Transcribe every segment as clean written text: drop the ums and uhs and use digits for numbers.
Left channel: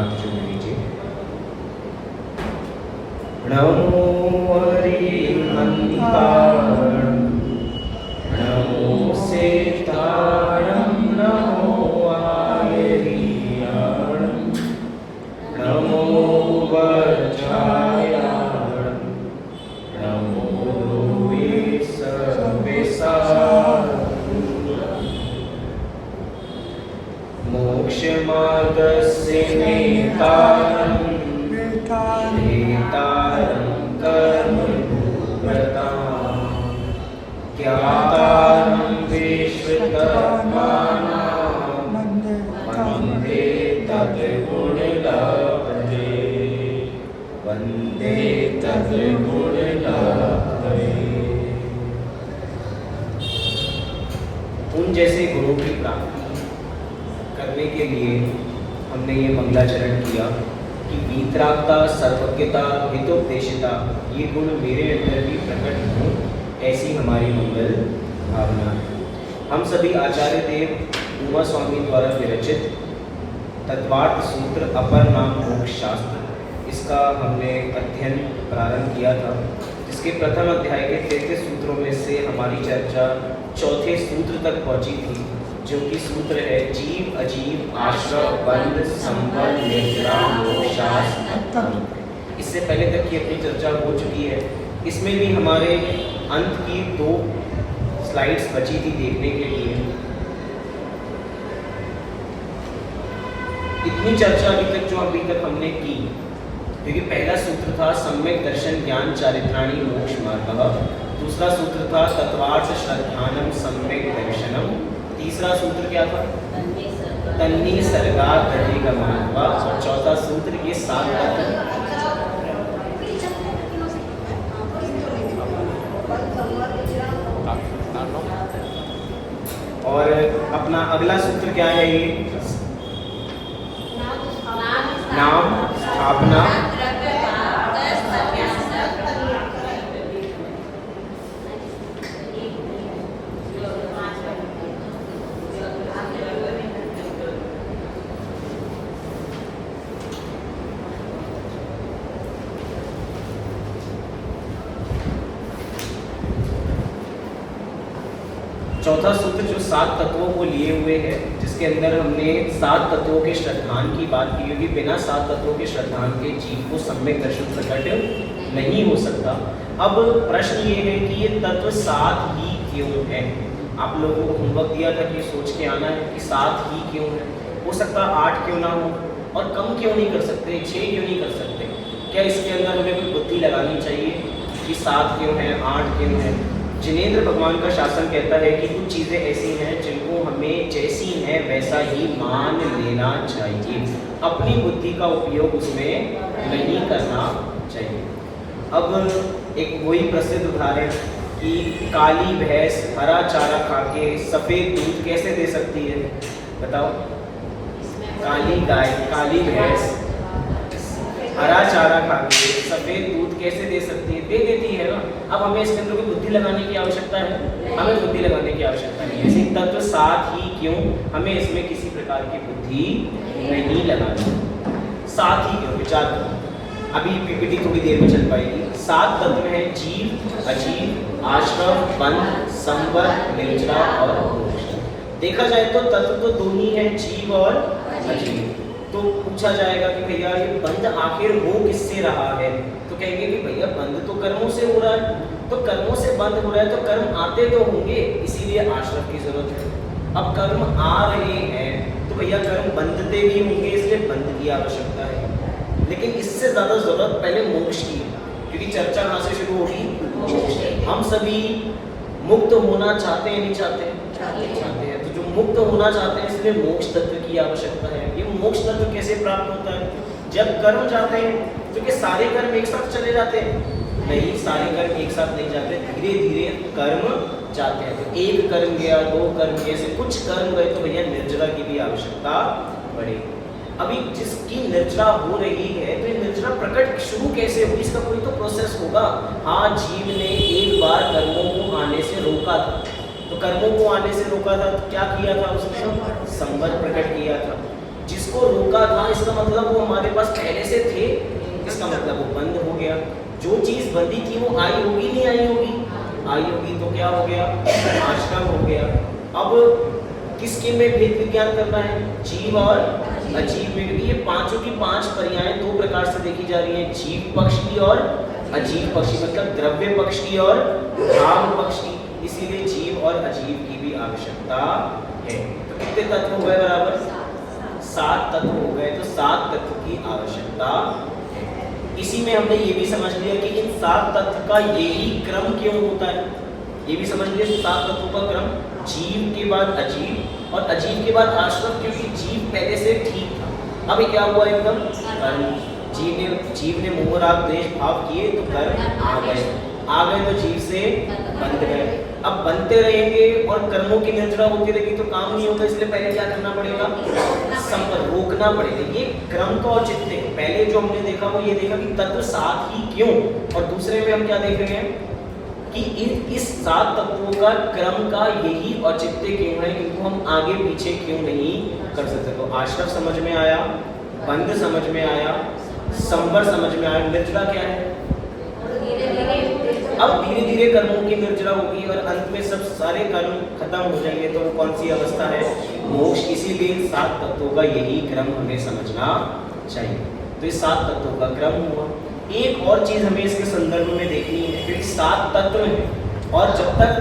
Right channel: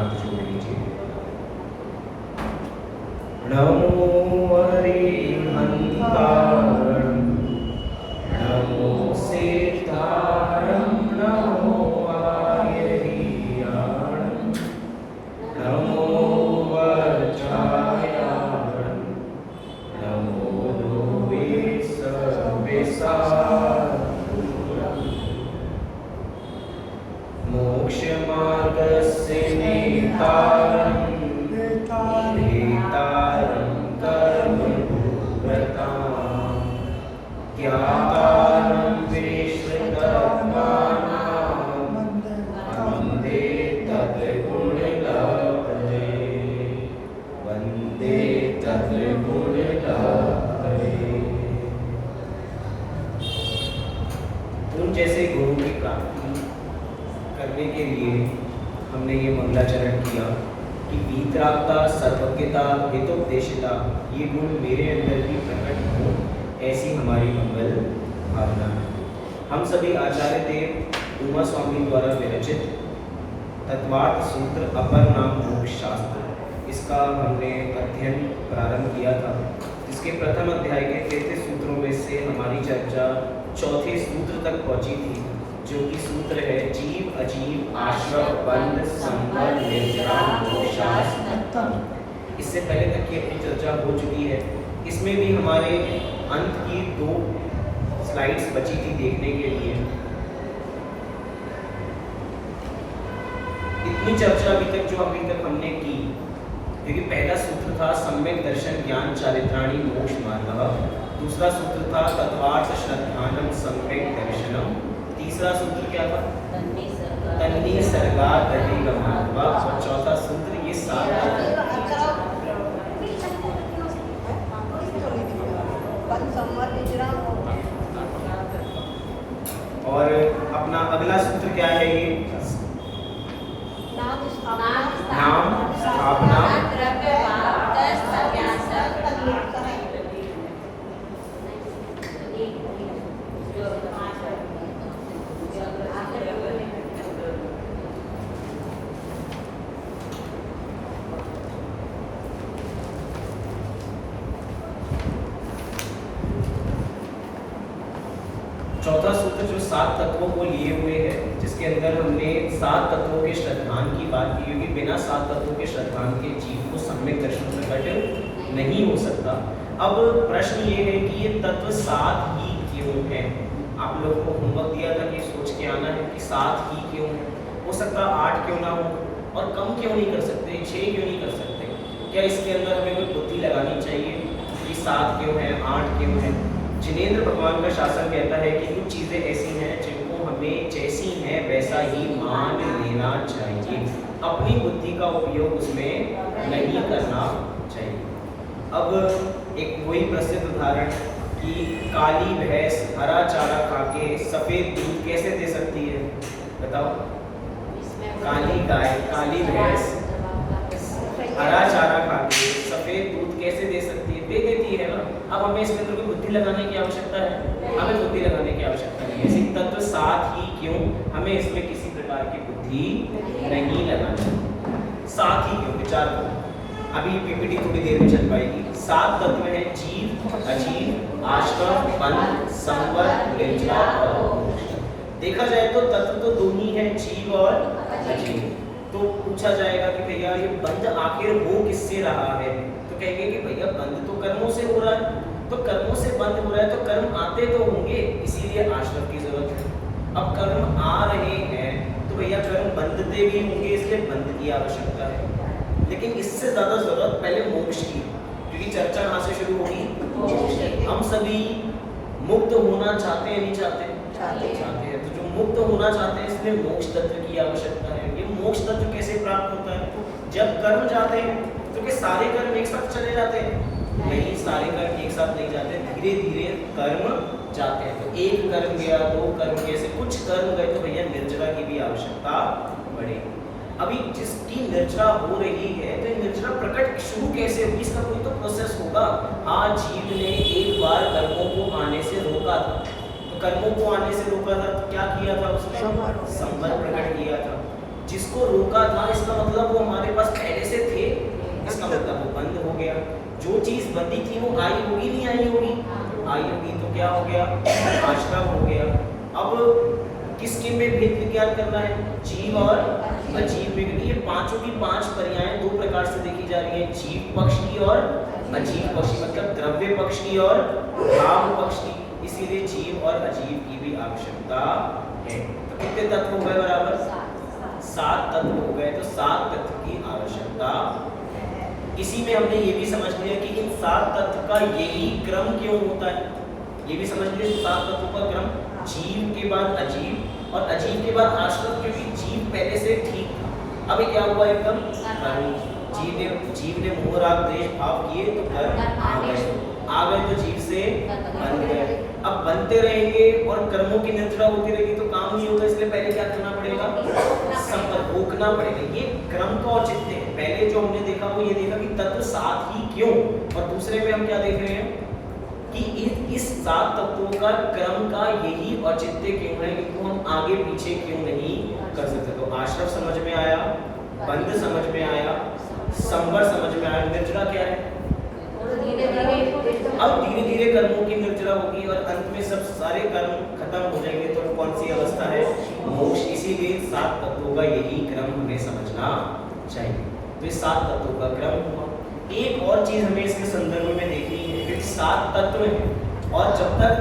हाथ जोड़ लीजिए। नमो हरिमन्तारं नमो सिद्धारं नमो आयर्याणं नमो वज्रायाणं नमो मोक्षमार्गस्य नेतारं नेतारं कर्मव्रतां ज्ञातारं विश्वकर्माणां वन्दे तद्गुणलहरे वन्दे तद्गुणलहरे। उन जैसे गुरु की प्राप्ति करने के लिए हमने ये मंगलाचरण किया कि वीतरागता, सर्वज्ञता, हितोपदेशिता ये गुण मेरे अंदर भी प्रकट हों, ऐसी हमारी मंगल भावना। हम सभी आचार्य देव उमा स्वामी द्वारा विरचित तत्वार्थ सूत्र अपर नाम मोक्ष शास्त्र, इसका हमने अध्ययन प्रारंभ किया था, जिसके प्रथम अध्याय के 33 सूत्रों में से हमारी चर्चा चौथे सूत्र तक पहुंची थी, जो कि सूत्र है जीव अजीव आश्रव बंध संबंध निद्रा मोक्षास्त्र। इससे पहले तक की अपनी चर्चा हो चुकी है। इसमें भी हमारे अंत की 2 स्लाइड्स बची थी देखने के लिए। इतनी चर्चा अभी तक हमने की, क्योंकि पहला सूत्र था सम्यक दर्शन ज्ञान चारित्राणि मोक्ष मार्गः, दूसरा सूत्र था तत्वार्थ श्रद्धानम सम्यक दर्शनम, तीसरा सूत्र क्या था तन्नी सरकार अधिगमः, और चौथा सूत्र ये 7 तत्व। और अपना अगला सूत्र क्या है? ये नाम स्थापना चौथा सूत्र जो 7 तत्वों को लिए हुए है, जिसके अंदर हमने 7 तत्वों के श्रद्धान की बात की, क्योंकि बिना 7 तत्वों के श्रद्धान के जीव को सम्यक दर्शन प्रकट नहीं हो सकता। अब प्रश्न ये है कि ये तत्व 7 ही क्यों है? आप लोगों को होमवर्क दिया था कि सोच के आना है कि 7 ही क्यों है। हो सकता 8 क्यों ना हो, और कम क्यों नहीं कर सकते, 6 क्यों नहीं कर सकते? क्या इसके अंदर हमें कोई बुद्धि लगानी चाहिए कि 7 क्यों है, 8 क्यों है? जिनेंद्र भगवान का शासन कहता है कि कुछ चीज़ें ऐसी हैं जिनको हमें जैसी हैं वैसा ही मान लेना चाहिए, अपनी बुद्धि का उपयोग उसमें नहीं करना चाहिए। अब एक वही प्रसिद्ध उदाहरण कि काली भैंस हरा चारा खा के सफ़ेद दूध कैसे दे सकती है? बताओ। काली गाय, काली भैंस हरा चारा खा के सफ़ेद दूध कैसे दे सकती है? दे देती है ना। अब हमें इसके अंदर कोई बुद्धि लगाने की आवश्यकता है? हमें बुद्धि लगाने की आवश्यकता नहीं। इसी तत्व 7 ही क्यों, हमें इसमें किसी प्रकार की बुद्धि नहीं लगानी। 7 ही क्यों? विचार करो। अभी पीपीटी थोड़ी देर में चल पाएगी। 7 तत्व हैं जीव अजीव आश्रव बंध संवर निद्रा और मोक्ष। देखा जाए तो तत्व तो 2 ही हैं, जीव और अजीव। तो पूछा जाएगा कि भैया ये बंध आखिर हो किससे रहा है? तो कहेंगे कि भैया बंध तो कर्मों से हो रहा है। तो कर्मों से बंध हो रहा है तो कर्म आते तो होंगे, इसीलिए आश्रव की जरूरत है। अब कर्म आ रहे हैं तो भैया कर्म बंधते भी होंगे, इसलिए बंध की आवश्यकता है। लेकिन इससे ज्यादा जरूरत पहले मोक्ष की, क्योंकि चर्चा कहाँ से शुरू होगी? हम सभी मुक्त होना चाहते हैं, नहीं चाहते? चाहते हैं। तो जो मुक्त होना चाहते हैं इसलिए मोक्ष तत्व की आवश्यकता है। ये मोक्ष तत्व कैसे प्राप्त होता है? जब कर्म जाते हैं, क्योंकि सारे कर्म एक साथ चले जाते हैं नहीं, सारे कर्म एक साथ नहीं जाते, धीरे धीरे कर्म जाते हैं। तो एक कर्म गया, 2 कर्म गए, ऐसे कुछ कर्म गए तो भैया निर्जरा की भी आवश्यकता बढ़ेगी। अभी जिसकी निर्जरा हो रही है तो निर्जरा प्रकट शुरू कैसे होगी? इसका कोई तो प्रोसेस होगा। हाँ, जीव ने एक बार कर्मों को आने से रोका था, तो कर्मों को आने से रोका था तो क्या किया था उसने? संबंध प्रकट किया था। जिसको रोका था इसका मतलब वो हमारे ही थी वो आई होगी नहीं आई होगी? आई होगी। तो क्या हो गया? आश्रम हो गया। अब किसके में भेद विज्ञान करना है? जीव और अजीव में। ये पांचों की पांच पर्यायें दो प्रकार से देखी जा रही हैं, जीव पक्ष की और अजीव पक्ष की, मतलब द्रव्य पक्ष की और भाव पक्ष की। इसीलिए जीव और अजीव की भी आवश्यकता है। तो कितने तत्व हो गए? बराबर 7 तत्व हो गए। तो 7 तत्व की आवश्यकता। इसी में हमने ये भी समझ लिया कि इन 7 तत्व का यही क्रम क्यों होता है। ये भी समझ लिया 7 तत्वों का क्रम, जीव के बाद अजीव और अजीव के बाद आश्रम, क्योंकि जीव पहले से ठीक था। अभी क्या हुआ? एकदम जीव ने मोह राग द्वेष भाव किए तो कर्म आ गए तो जीव से बंध गए। अब बनते रहेंगे और कर्मों की निर्जरा होती रहेगी तो काम नहीं होगा। इसलिए पहले क्या करना पड़ेगा? संपर्क रोकना पड़ेगा। ये क्रम का औचित्य है। पहले जो हमने देखा वो ये देखा कि तत्व 7 ही क्यों, और दूसरे में हम क्या देख रहे हैं कि इस 7 तत्वों का क्रम का यही औचित्य क्यों है, इनको हम आगे पीछे क्यों नहीं कर सकते। तो आश्रम समझ में आया, बंध समझ में आया, संवर समझ में आया, निर्जरा क्या है? अब धीरे धीरे कर्मों की निर्जरा होगी और अंत में सब सारे कर्म खत्म हो जाएंगे। तो वो कौन सी अवस्था है? मोक्ष। इसीलिए 7 तत्वों का यही क्रम हमें समझना चाहिए। तो इस 7 तत्वों का क्रम हुआ। एक और चीज हमें इसके संदर्भ में देखनी है, क्योंकि 7 तत्व हैं और जब तक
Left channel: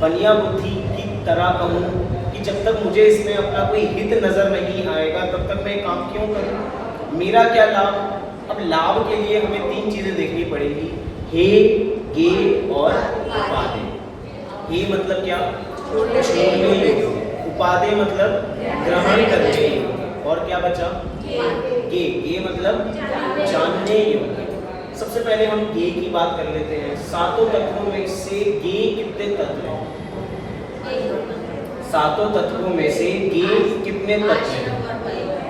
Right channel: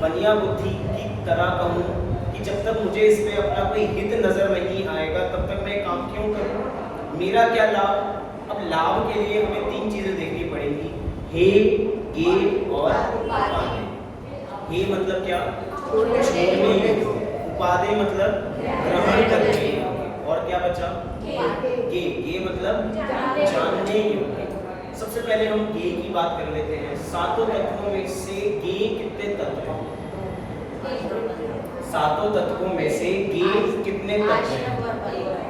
बनिया बुद्धि की तरह कहूँ कि जब तक मुझे इसमें अपना कोई हित नजर नहीं आएगा तब तक मैं काम क्यों करूँ? मेरा क्या लाभ? अब लाभ के लिए हमें 3 चीजें देखनी पड़ेगी, हे, गे और उपादेय। हे मतलब क्या? छोड़ने योग्य। उपादेय मतलब ग्रहण करने योग्य। और क्या बचा? गे मतलब जानने योग्य। सबसे पहले हम गे की बात कर लेते हैं। 7 तत्वों में से गे कितने तत्व हैं? 7 तत्वों में से गे कितने तत्व हैं?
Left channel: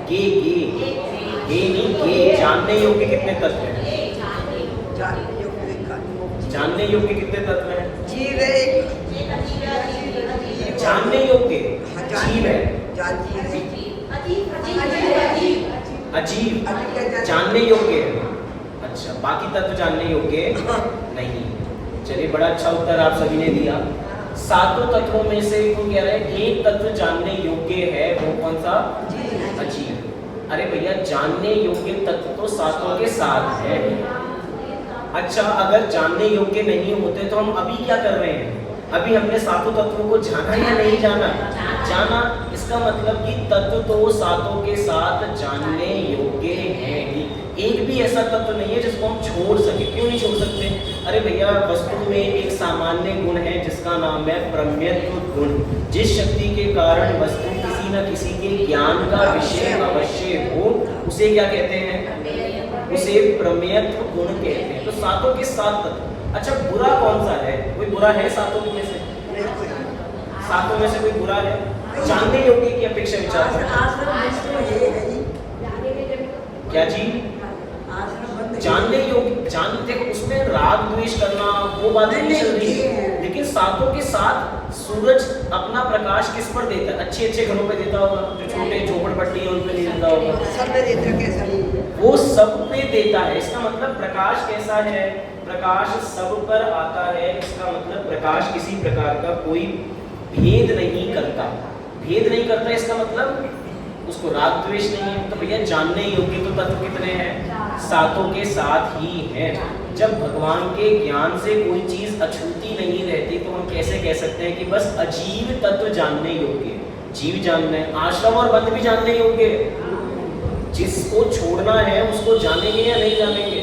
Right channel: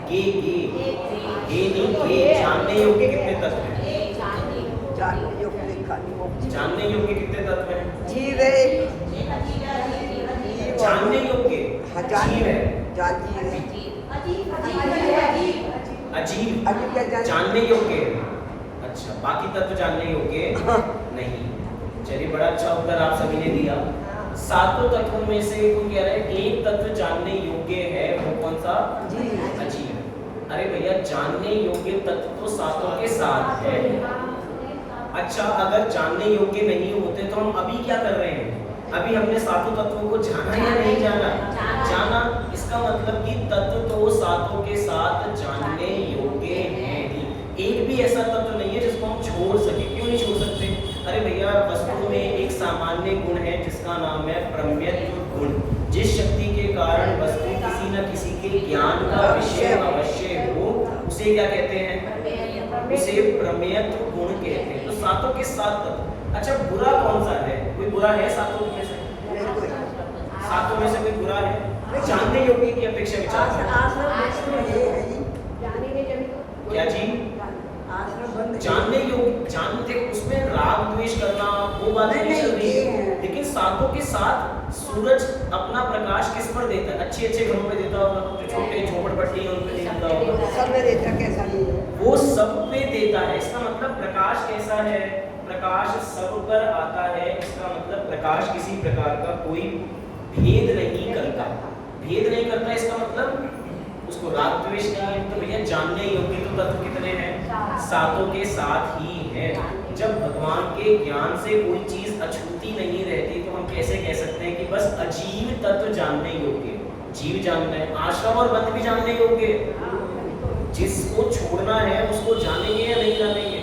गे नहीं, गे जानने योग्य कितने तत्व हैं? जानने योग्य कितने तत्व हैं? जानने योग्य जीव है, अजीब जानने योग्य है। अच्छा, बाकी तत्व जानने योग्य नहीं। चलिए, बड़ा अच्छा उत्तर आप सभी ने दिया। 7 तत्वों में से वो कह रहे हैं एक तत्व जानने योग्य है, वो कौन सा? अजीब। अरे भैया, जानने योग्य तत्व तो 7 के 7 है। अच्छा, अगर जानने योग्य नहीं होते तो हम अभी क्या कर रहे हैं? अभी हमने 7 तत्वों को जाना या नहीं जाना? जाना। इसका मतलब कि तत्व तो 7 के 7 जानने योग्य हैं। एक भी ऐसा तत्व नहीं है जिसको हम छोड़ सके। क्यों नहीं छोड़ सकते? अरे भैया, वस्तु में एक सामान्य गुण है जिसका नाम है प्रमेयत्व गुण। जिस शक्ति के कारण वस्तु किसी न किसी के ज्ञान का विषय अवश्य हो, उसे क्या कहते हैं? उसे प्रमेयत्व गुण कहते हैं। तो 7 के 7 तत्व। अच्छा, बुरा कौन सा है? कोई बुरा है 7 में से? 7 में से कोई बुरा है? जानने योग्य की अपेक्षा विचार क्या जी? जानने योग्य, जानते उसमें राग द्वेष करना वो बात नहीं चल रही है। लेकिन 7 के 7 सूरज अपना प्रकाश किस पर देता है? अच्छे अच्छे घरों पर देता होगा, जो छोटे झोपड़पट्टी है उन पे नहीं देता होगा, वो सब पे देता है। इसका मतलब प्रकाश कैसा है? प्रकाश सब पर आता है। इसका मतलब प्रकाश किसी प्रकार का कोई भेद नहीं करता। भेद नहीं करता इसका मतलब उसको राग द्वेष नहीं है। तो भैया, जानने योग्य तो तत्व कितने हैं? 7 के 7 ही हैं। जब भगवान के ज्ञान से कोई चीज अछूती नहीं रहती तो हम कैसे कह सकते हैं कि बस अजीव तत्व जानने योग्य? जीव जानना है, आश्रम और बंध भी जानने योग्य। जिसको छोड़ना है उसको जानेंगे या नहीं जानेंगे?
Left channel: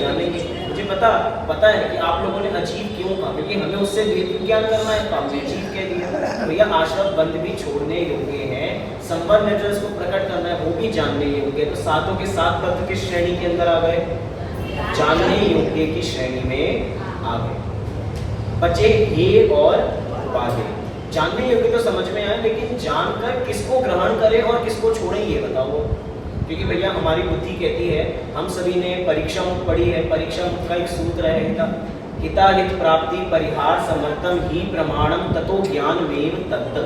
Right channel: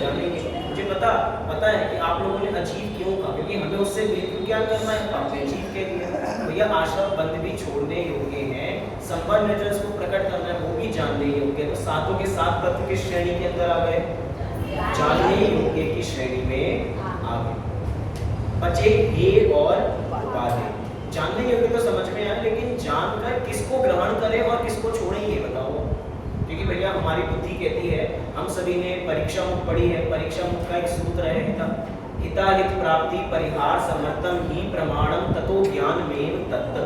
जानेंगे। मुझे पता है कि आप लोगों ने अजीब क्यों कहा, क्योंकि हमें उससे भेद विज्ञान करना है तो आपने अजीब कह दिया। भैया, आश्रम बंध भी छोड़ने योग्य है, संबंध में जो इसको प्रकट करना है वो भी जानने योग्य। तो 7 के 7 तत्व की श्रेणी के अंदर आ गए, जानने योग्य की श्रेणी में आ गए। बचे हे और उपादेय। जानने योग्य तो समझ में आया, लेकिन जानकर किसको ग्रहण करें और किसको छोड़ें ये बताओ। क्योंकि भैया, हमारी बुद्धि कहती है, हम सभी ने परीक्षा मुक्त पढ़ी है। परीक्षा मुक्त का एक सूत्र है हिताहित प्राप्ति परिहार समर्थम ही प्रमाणम ततो ज्ञान वेद तत्व।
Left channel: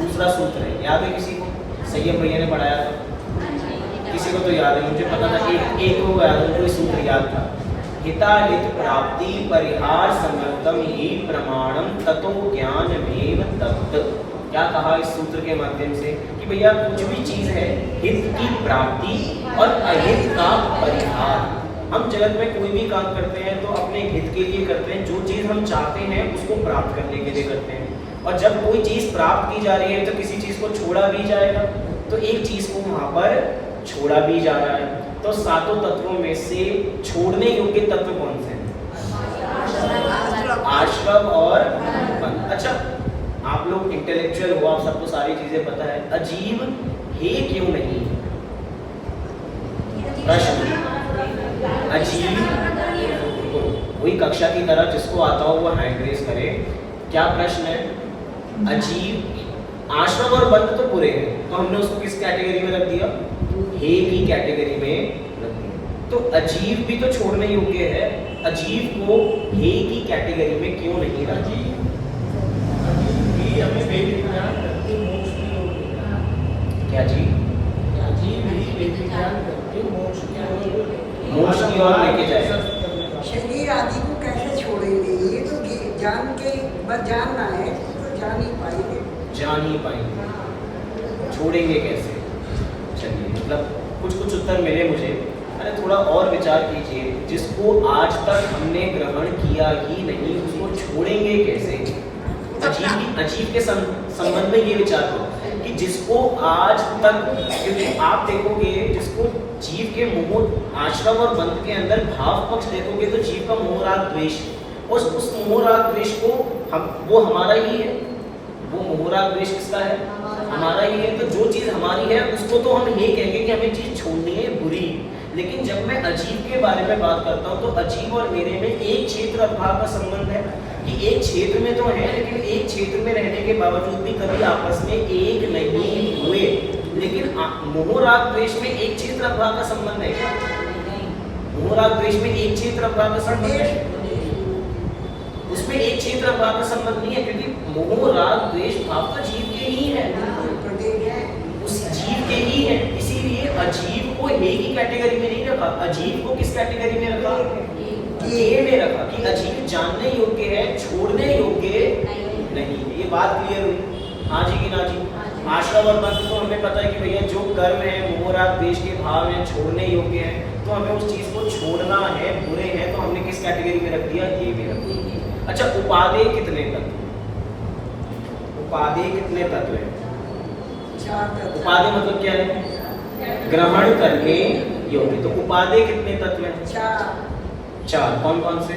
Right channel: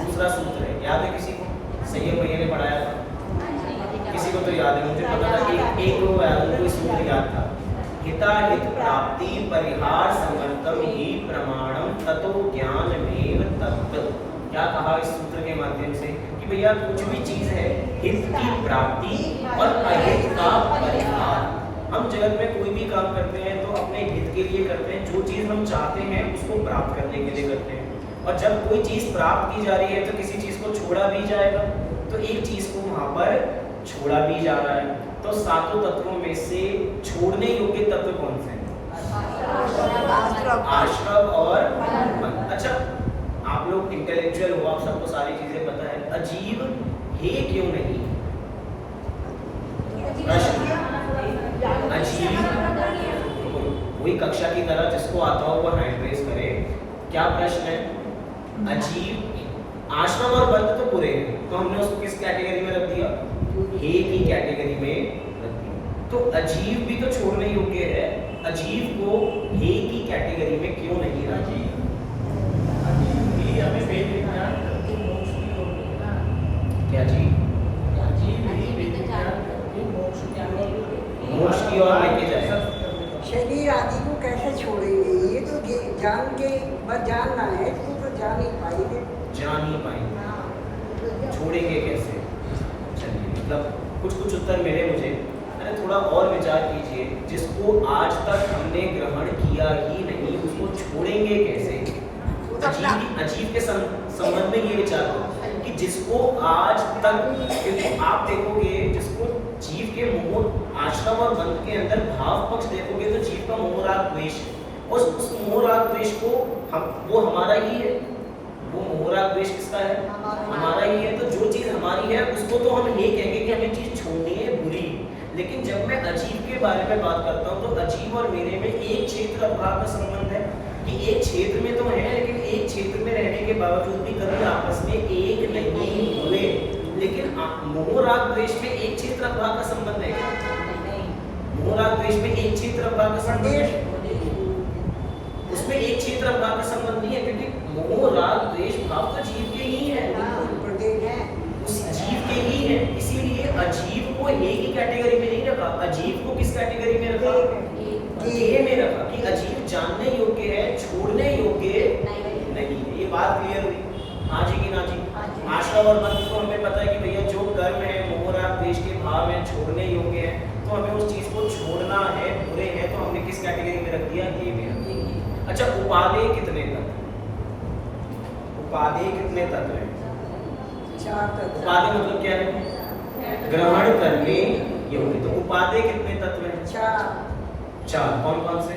दूसरा सूत्र है, याद है किसी को? संयम भैया ने पढ़ाया था, किसी को तो याद है? मुझे पता था एक को याद है, कोई सूत्र याद था। हिताहित प्राप्ति परिहार समर्थम ही प्रमाणम ततो ज्ञानमेव तत्। क्या कहा इस सूत्र के माध्यम से कि भैया कुछ भी चीज है, हित की प्राप्ति और अहित का परिहार। हम जगत में कोई भी काम करते हैं तो अपने हित के लिए करते हैं, जो चीज हम चाहते हैं उसको प्राप्त करने के लिए करते हैं। और जब कोई चीज प्राप्त की जा रही है तो किसी चीज को छोड़ा भी जाएगा, तो एक चीज को वहां पर छोड़ा भी जा रहा है। तो सातों तत्वों में से छोड़ने योग्य तत्व कौन से हैं? आश्रव और बंध। अच्छा, आप लोग इंटेलेक्चुअल हो, आप सबको सारी चीजें पता है, अजीब है क्यों नहीं? अजीब वही कक्षा की तरह जिसको आता हो वो हैंड रेज करे। क्या प्रश्न है? अजीब, आश्रम और बंध तो पूरे हैं, तो हमने उसको किस कैटेगरी में रख दिया? हे की कैटेगरी में रख दिया। तो अजीब भी तो छोड़ने योग्य है, अजीब को हे की कैटेगरी में क्यों नहीं रखा? हमें वेद विज्ञान करके मोक्ष की ओर ले रहा है। क्या जी? अजीब ही वेद विज्ञान करके मोक्ष की ओर लेके जाए। शरीर आदि को कैसे छोड़ेंगे? ये तो जान के बस जानना है, तो जान ही पाएंगे। जान ही पाएंगे, छोड़ेंगे कैसे? चलिए, मतलब कुछ कुछ उत्तर मिले मुझे। अरे थोड़ा और विचार कीजिए, जिसको आज तक हमने ग्रहण किया ही नहीं उसको छोड़ेंगे कैसे? अजीब के संबंध में ये विचार करो कि जिसको आज तक, क्योंकि आप देखोगे जिसको जीव के मोह आश्रम और बंध के अंदर भाव पक्ष देखोगे तो जीव का मोह राग द्वेष, उस मोह राग द्वेष को वो हमारा ही है। वो मोह राग द्वेष किसका है? हमारा ही है। तो जो चीज हमारी है उसको तो हम ये कहेंगे कि हमें चीज छोड़नी है बुरी। लेकिन जब मैं अजीब के बारे में बात करता हूँ तो अजीब और मेरे में एक क्षेत्र अभाव का संबंध है कि एक क्षेत्र में तो है, लेकिन एक क्षेत्र में रहने के बावजूद भी कभी आपस में एक नहीं हुए। लेकिन मोह राग द्वेष में एक क्षेत्र अभाव का संबंध है क्या? मोह राग द्वेष में एक क्षेत्र अभाव का संबंध है? उसमें एक क्षेत्र अभाव का संबंध नहीं है, क्योंकि मोह राग द्वेष भाव तो जीव के ही है, उस जीव के ही है। इसीलिए अजीब को हे की कैटेगरी में नहीं रखा, अजीब को किस कैटेगरी में रखा? हे में रखा कि अजीब जानने योग्य है, छोड़ने योग्य नहीं। ये बात क्लियर हुई? हाँ जी कि ना जी? आश्रम और बंध को हमें पता है कि भैया जो कर्म है मोह राग द्वेष के भाव में छोड़ने योग्य है, तो हमें उस चीज को छोड़ना है, बुरे हैं, तो हमने किस कैटेगरी में रख दिया? ये भी रख दिया। अच्छा, उपादेय कितने तत्व? उपादेय कितने तत्व हैं? उपादेय मतलब क्या है? ग्रहण करने योग्य। तो उपादेय कितने तत्व हैं? चार। कौन कौन से?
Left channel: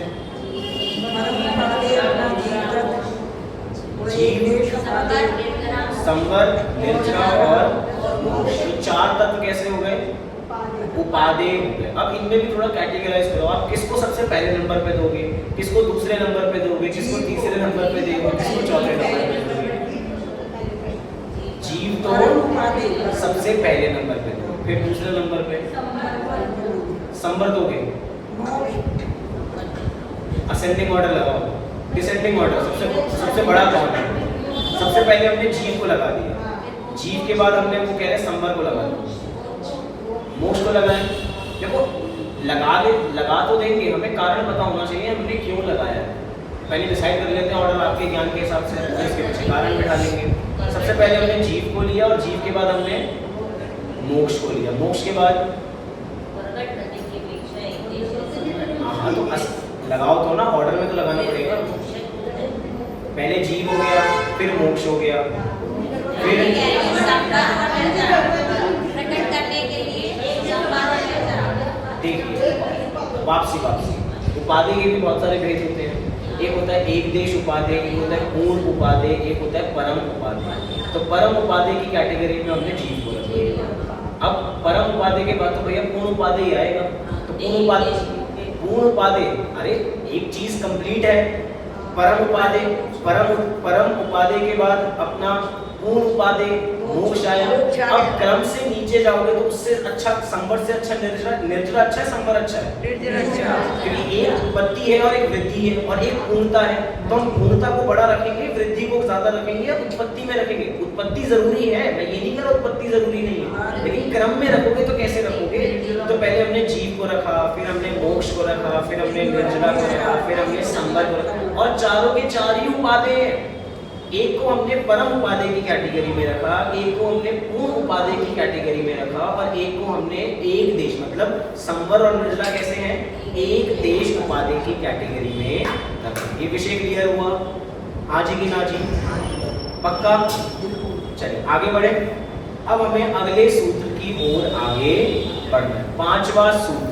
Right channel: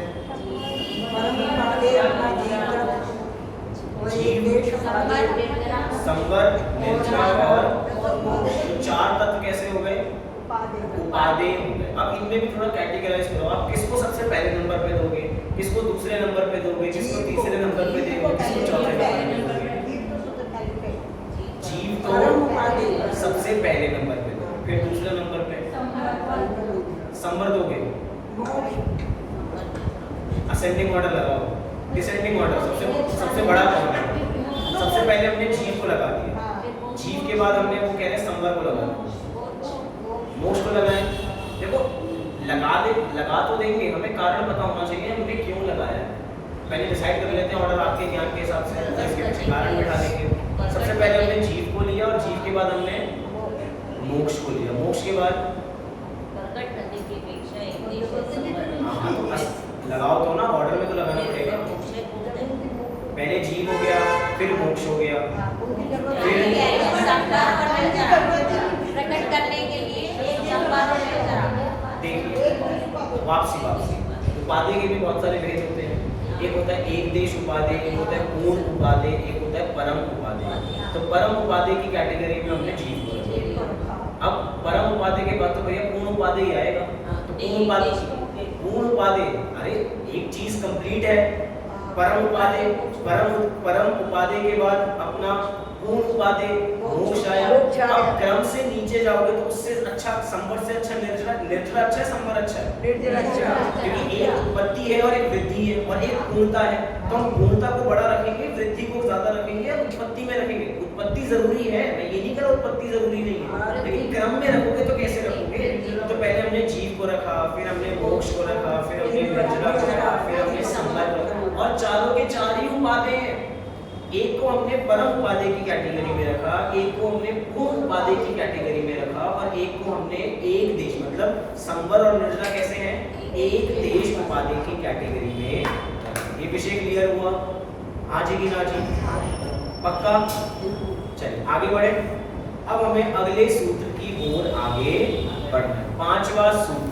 संवर, निर्जरा और तो चार तत्व कैसे हो गए? उपादेय हो गए। अब इनमें भी थोड़ा कैटेगराइज करो। आप किसको सबसे पहले नंबर पे दोगे, किसको दूसरे नंबर पे दोगे, किसको तीसरे नंबर पे दोगे, किसको चौथे नंबर पे दोगे? जीव तो सबसे पहले नंबर पे दो, फिर दूसरे नंबर पे संवर दोगे। असेंडिंग ऑर्डर लगाओ, डिसेंडिंग ऑर्डर सबसे बड़ा कौन है? सबसे पहले हमने जीव को लगा दिया, जीव के बाद हमने वो कह रहे संवर को लगा दिया, मोक्ष को लगाएं। देखो लगा तो देंगे, हमें कारण पता होना चाहिए हमने क्यों लगाया है। पहले डिसाइड कर लेते हैं ऑर्डर आपके ज्ञान के हिसाब से, इसके पीछे कारण बैठा लेंगे। सबसे पहले हमने जीव को लिया और जीव के बाद हमने मोक्ष को लिया, मोक्ष के बाद हाँ तो लगाओ तो ना, ऑर्डर में तो लगाना पड़ेगा। पहले जीव हो गया, फिर मोक्ष हो गया, फिर देखिए वापसी। उपाधि के भी बहुत सारे भेद होते हैं। एक होता है एक देश उपाधि, एक होता है पूर्ण उपाधि, एक होता है परम उपाधि। तो परम उपाधि की कैटेगरी में हमने जीव को रखा। अब परम उपाधि के बाद तो भैया पूर्ण उपाधि ही आएगा। तो पूर्ण उपाधि, अरे एक चीज कंप्लीट है, परम उपाधि के बाद अपना पूर्ण उपाधि मोक्ष आया। अब क्रम से नीचे जाओगे तो उससे अच्छा संवर से अच्छा निर्जरा अच्छा है, संवर अच्छा है, क्योंकि एक उत्पत्ति है और एक वृद्धि है और एक पूर्णता है। तो हम पूर्णता को बड़ा रखेंगे, वृद्धि को ज्यादा रखेंगे या उत्पत्ति में रखेंगे? उत्पत्ति जरूरी है, मैं ये नहीं कह रहा उत्पत्ति जरूरी नहीं है, लेकिन क्रम में रखोगे तो कैसे रखोगे? तो पहले हमने जीव को रखा, फिर हमने मोक्ष को रखा, फिर हमने निर्जला को रखा, फिर हमने संवर को रखा, और चारों के चार ही उपाधि हैं। एक को हमने परम उपाधि की कैटेगरी में रखा, एक को हमने पूर्ण उपाधि की कैटेगरी में रखा, और एक को हमने एक देश, मतलब संवर और निर्जला कैसे हैं, एक देश उपाधि की कैटेगरी में रखा। ये विषय क्लियर हुआ? हाँ जी कि ना जी? पक्का? चलिए आगे बढ़े। अब हमें अगले सूत्र की ओर आगे बढ़ना है। पांचवा सूत्र।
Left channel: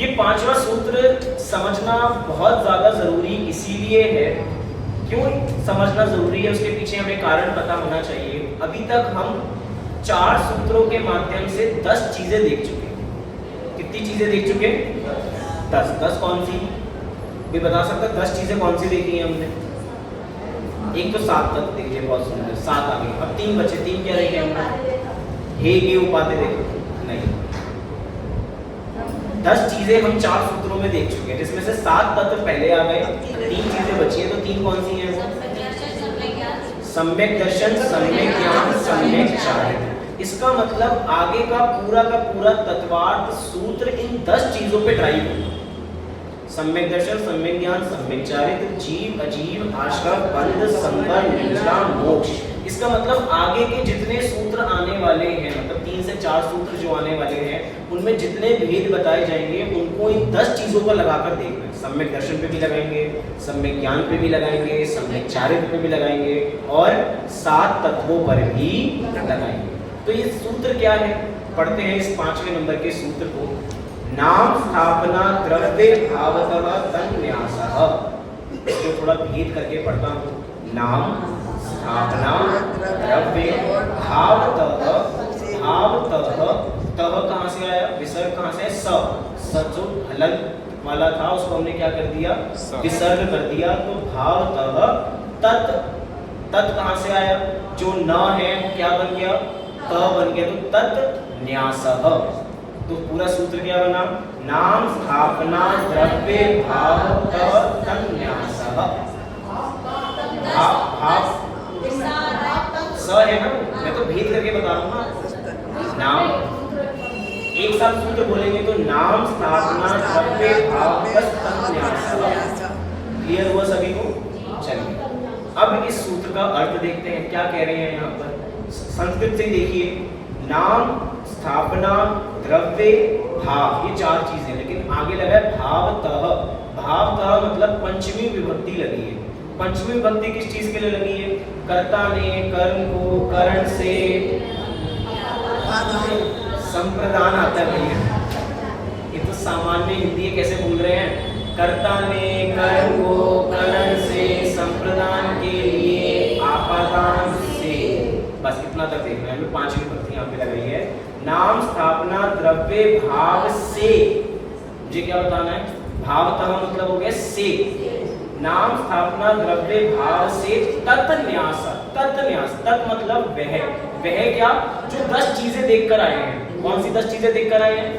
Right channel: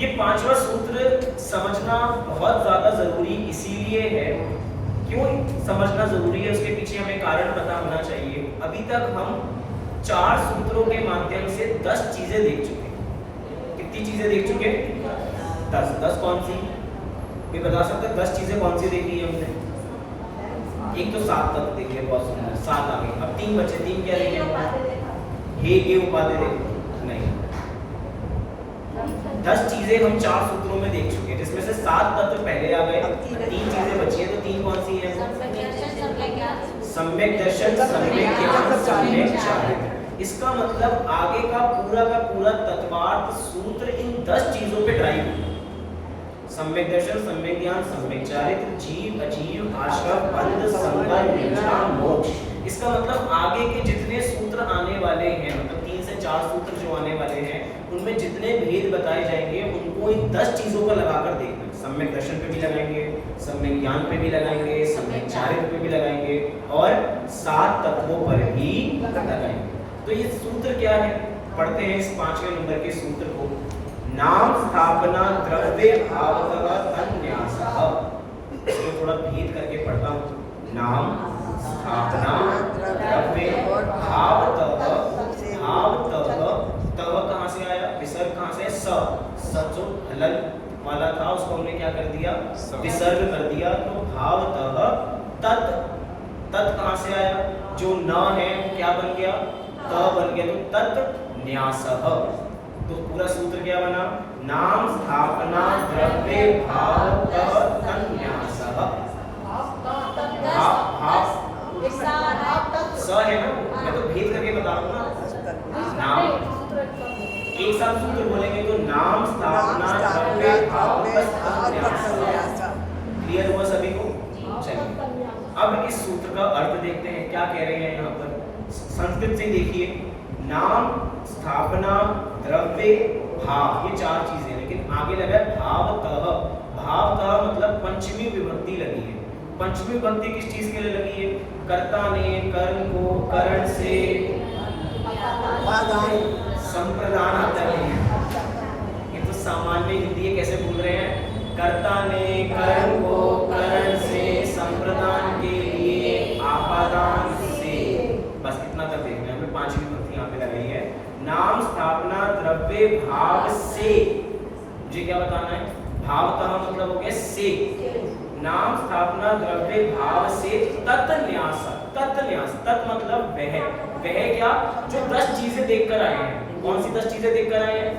ये पांचवा सूत्र समझना बहुत ज्यादा जरूरी इसीलिए है, क्यों समझना जरूरी है उसके पीछे हमें कारण पता होना चाहिए। अभी तक हम 4 सूत्रों के माध्यम से 10 चीजें देख चुके। कितनी चीजें देख चुके? 10। 10 कौन सी? कोई बता सकता है 10 चीजें कौन सी देखी है हमने? एक तो 7 तक देख लिया, बहुत सुंदर, 7 आ गए। अब 3 बचे। 3 क्या देखे हमने? हे गे उपाधि देखे नहीं। 10 चीजें हम 4 सूत्रों में देख चुके हैं, जिसमें से 7 तत्व पहले आ गए, 3 चीजें बची हैं। तो 3 कौन सी हैं? सम्यक दर्शन, सम्यक ज्ञान, सम्यक चारित्र। इसका मतलब आगे का पूरा तत्वार्थ सूत्र इन 10 चीजों पे ड्राइव है। सम्यक दर्शन, सम्यक ज्ञान, सम्यक चारित्र, जीव अजीव, आश्रम, बंध, संगम, निष्ठा, मोक्ष। इसका मतलब आगे के जितने सूत्र आने वाले हैं, मतलब 3 से 4 सूत्र जो आने वाले हैं, उनमें जितने भेद बताए जाएंगे उनको इन 10 चीजों पर लगाकर देखना है। सम्यक दर्शन पे भी लगाएंगे, सम्यक ज्ञान पे भी लगाएंगे, सम्यक चारित्र पे भी लगाएंगे, और 7 तत्वों पर भी लगाएंगे। तो ये सूत्र क्या है? पढ़ते हैं इस 5वें नंबर के सूत्र को। नाम स्थापना द्रव्य भावतः तन्न्यासः। इसको थोड़ा भेद करके पढ़ता हूँ। नाम स्थापना द्रव्य भावतः, तव कहाँ से आया? विसर्ग कहाँ से? स जो हलंत वाला था उसको हमने क्या कर दिया? विसर्ग कर दिया। तो भावतः तत् कहाँ से आया? जो न है वो क्या बन गया? त बन गया। तो तत् न्यासः। तो पूरा सूत्र क्या बना? नाम स्थापना द्रव्य भावतः तन्न्यासः। स है ना, मैं तो भेद करके बता रहा हूँ। नाम एक साथ सूत्र बोलेंगे तो नाम स्थापना द्रव्य भावतः तन्न्यासः। क्लियर हुआ सभी को? चलिए अब इस सूत्र का अर्थ देखते हैं, क्या कह रहे हैं यहाँ पर। संस्कृत से देखिए, नाम स्थापना द्रव्य भाव, ये 4 चीजें, लेकिन आगे लगा है भावतः। भावतः मतलब पंचमी विभक्ति लगी है। पंचमी विभक्ति किस चीज के लिए लगी है? कर्ता ने कर्म को करण से संप्रदान आता है। ये तो सामान्य हिंदी है, कैसे बोल रहे हैं? कर्ता ने कर्म को करण से संप्रदान के लिए आपादान से। बस इतना तक देखना है हमें। 5वीं विभक्ति यहाँ पे लग रही है। नाम स्थापना द्रव्य भाव से, मुझे क्या बताना है? भावतः मतलब हो गया से। नाम स्थापना द्रव्य भाव से तत्न्यास। तत्न्यास, तत् मतलब वह क्या? जो 10 चीजें देखकर आए हैं। कौन सी 10 चीजें देखकर आए हैं?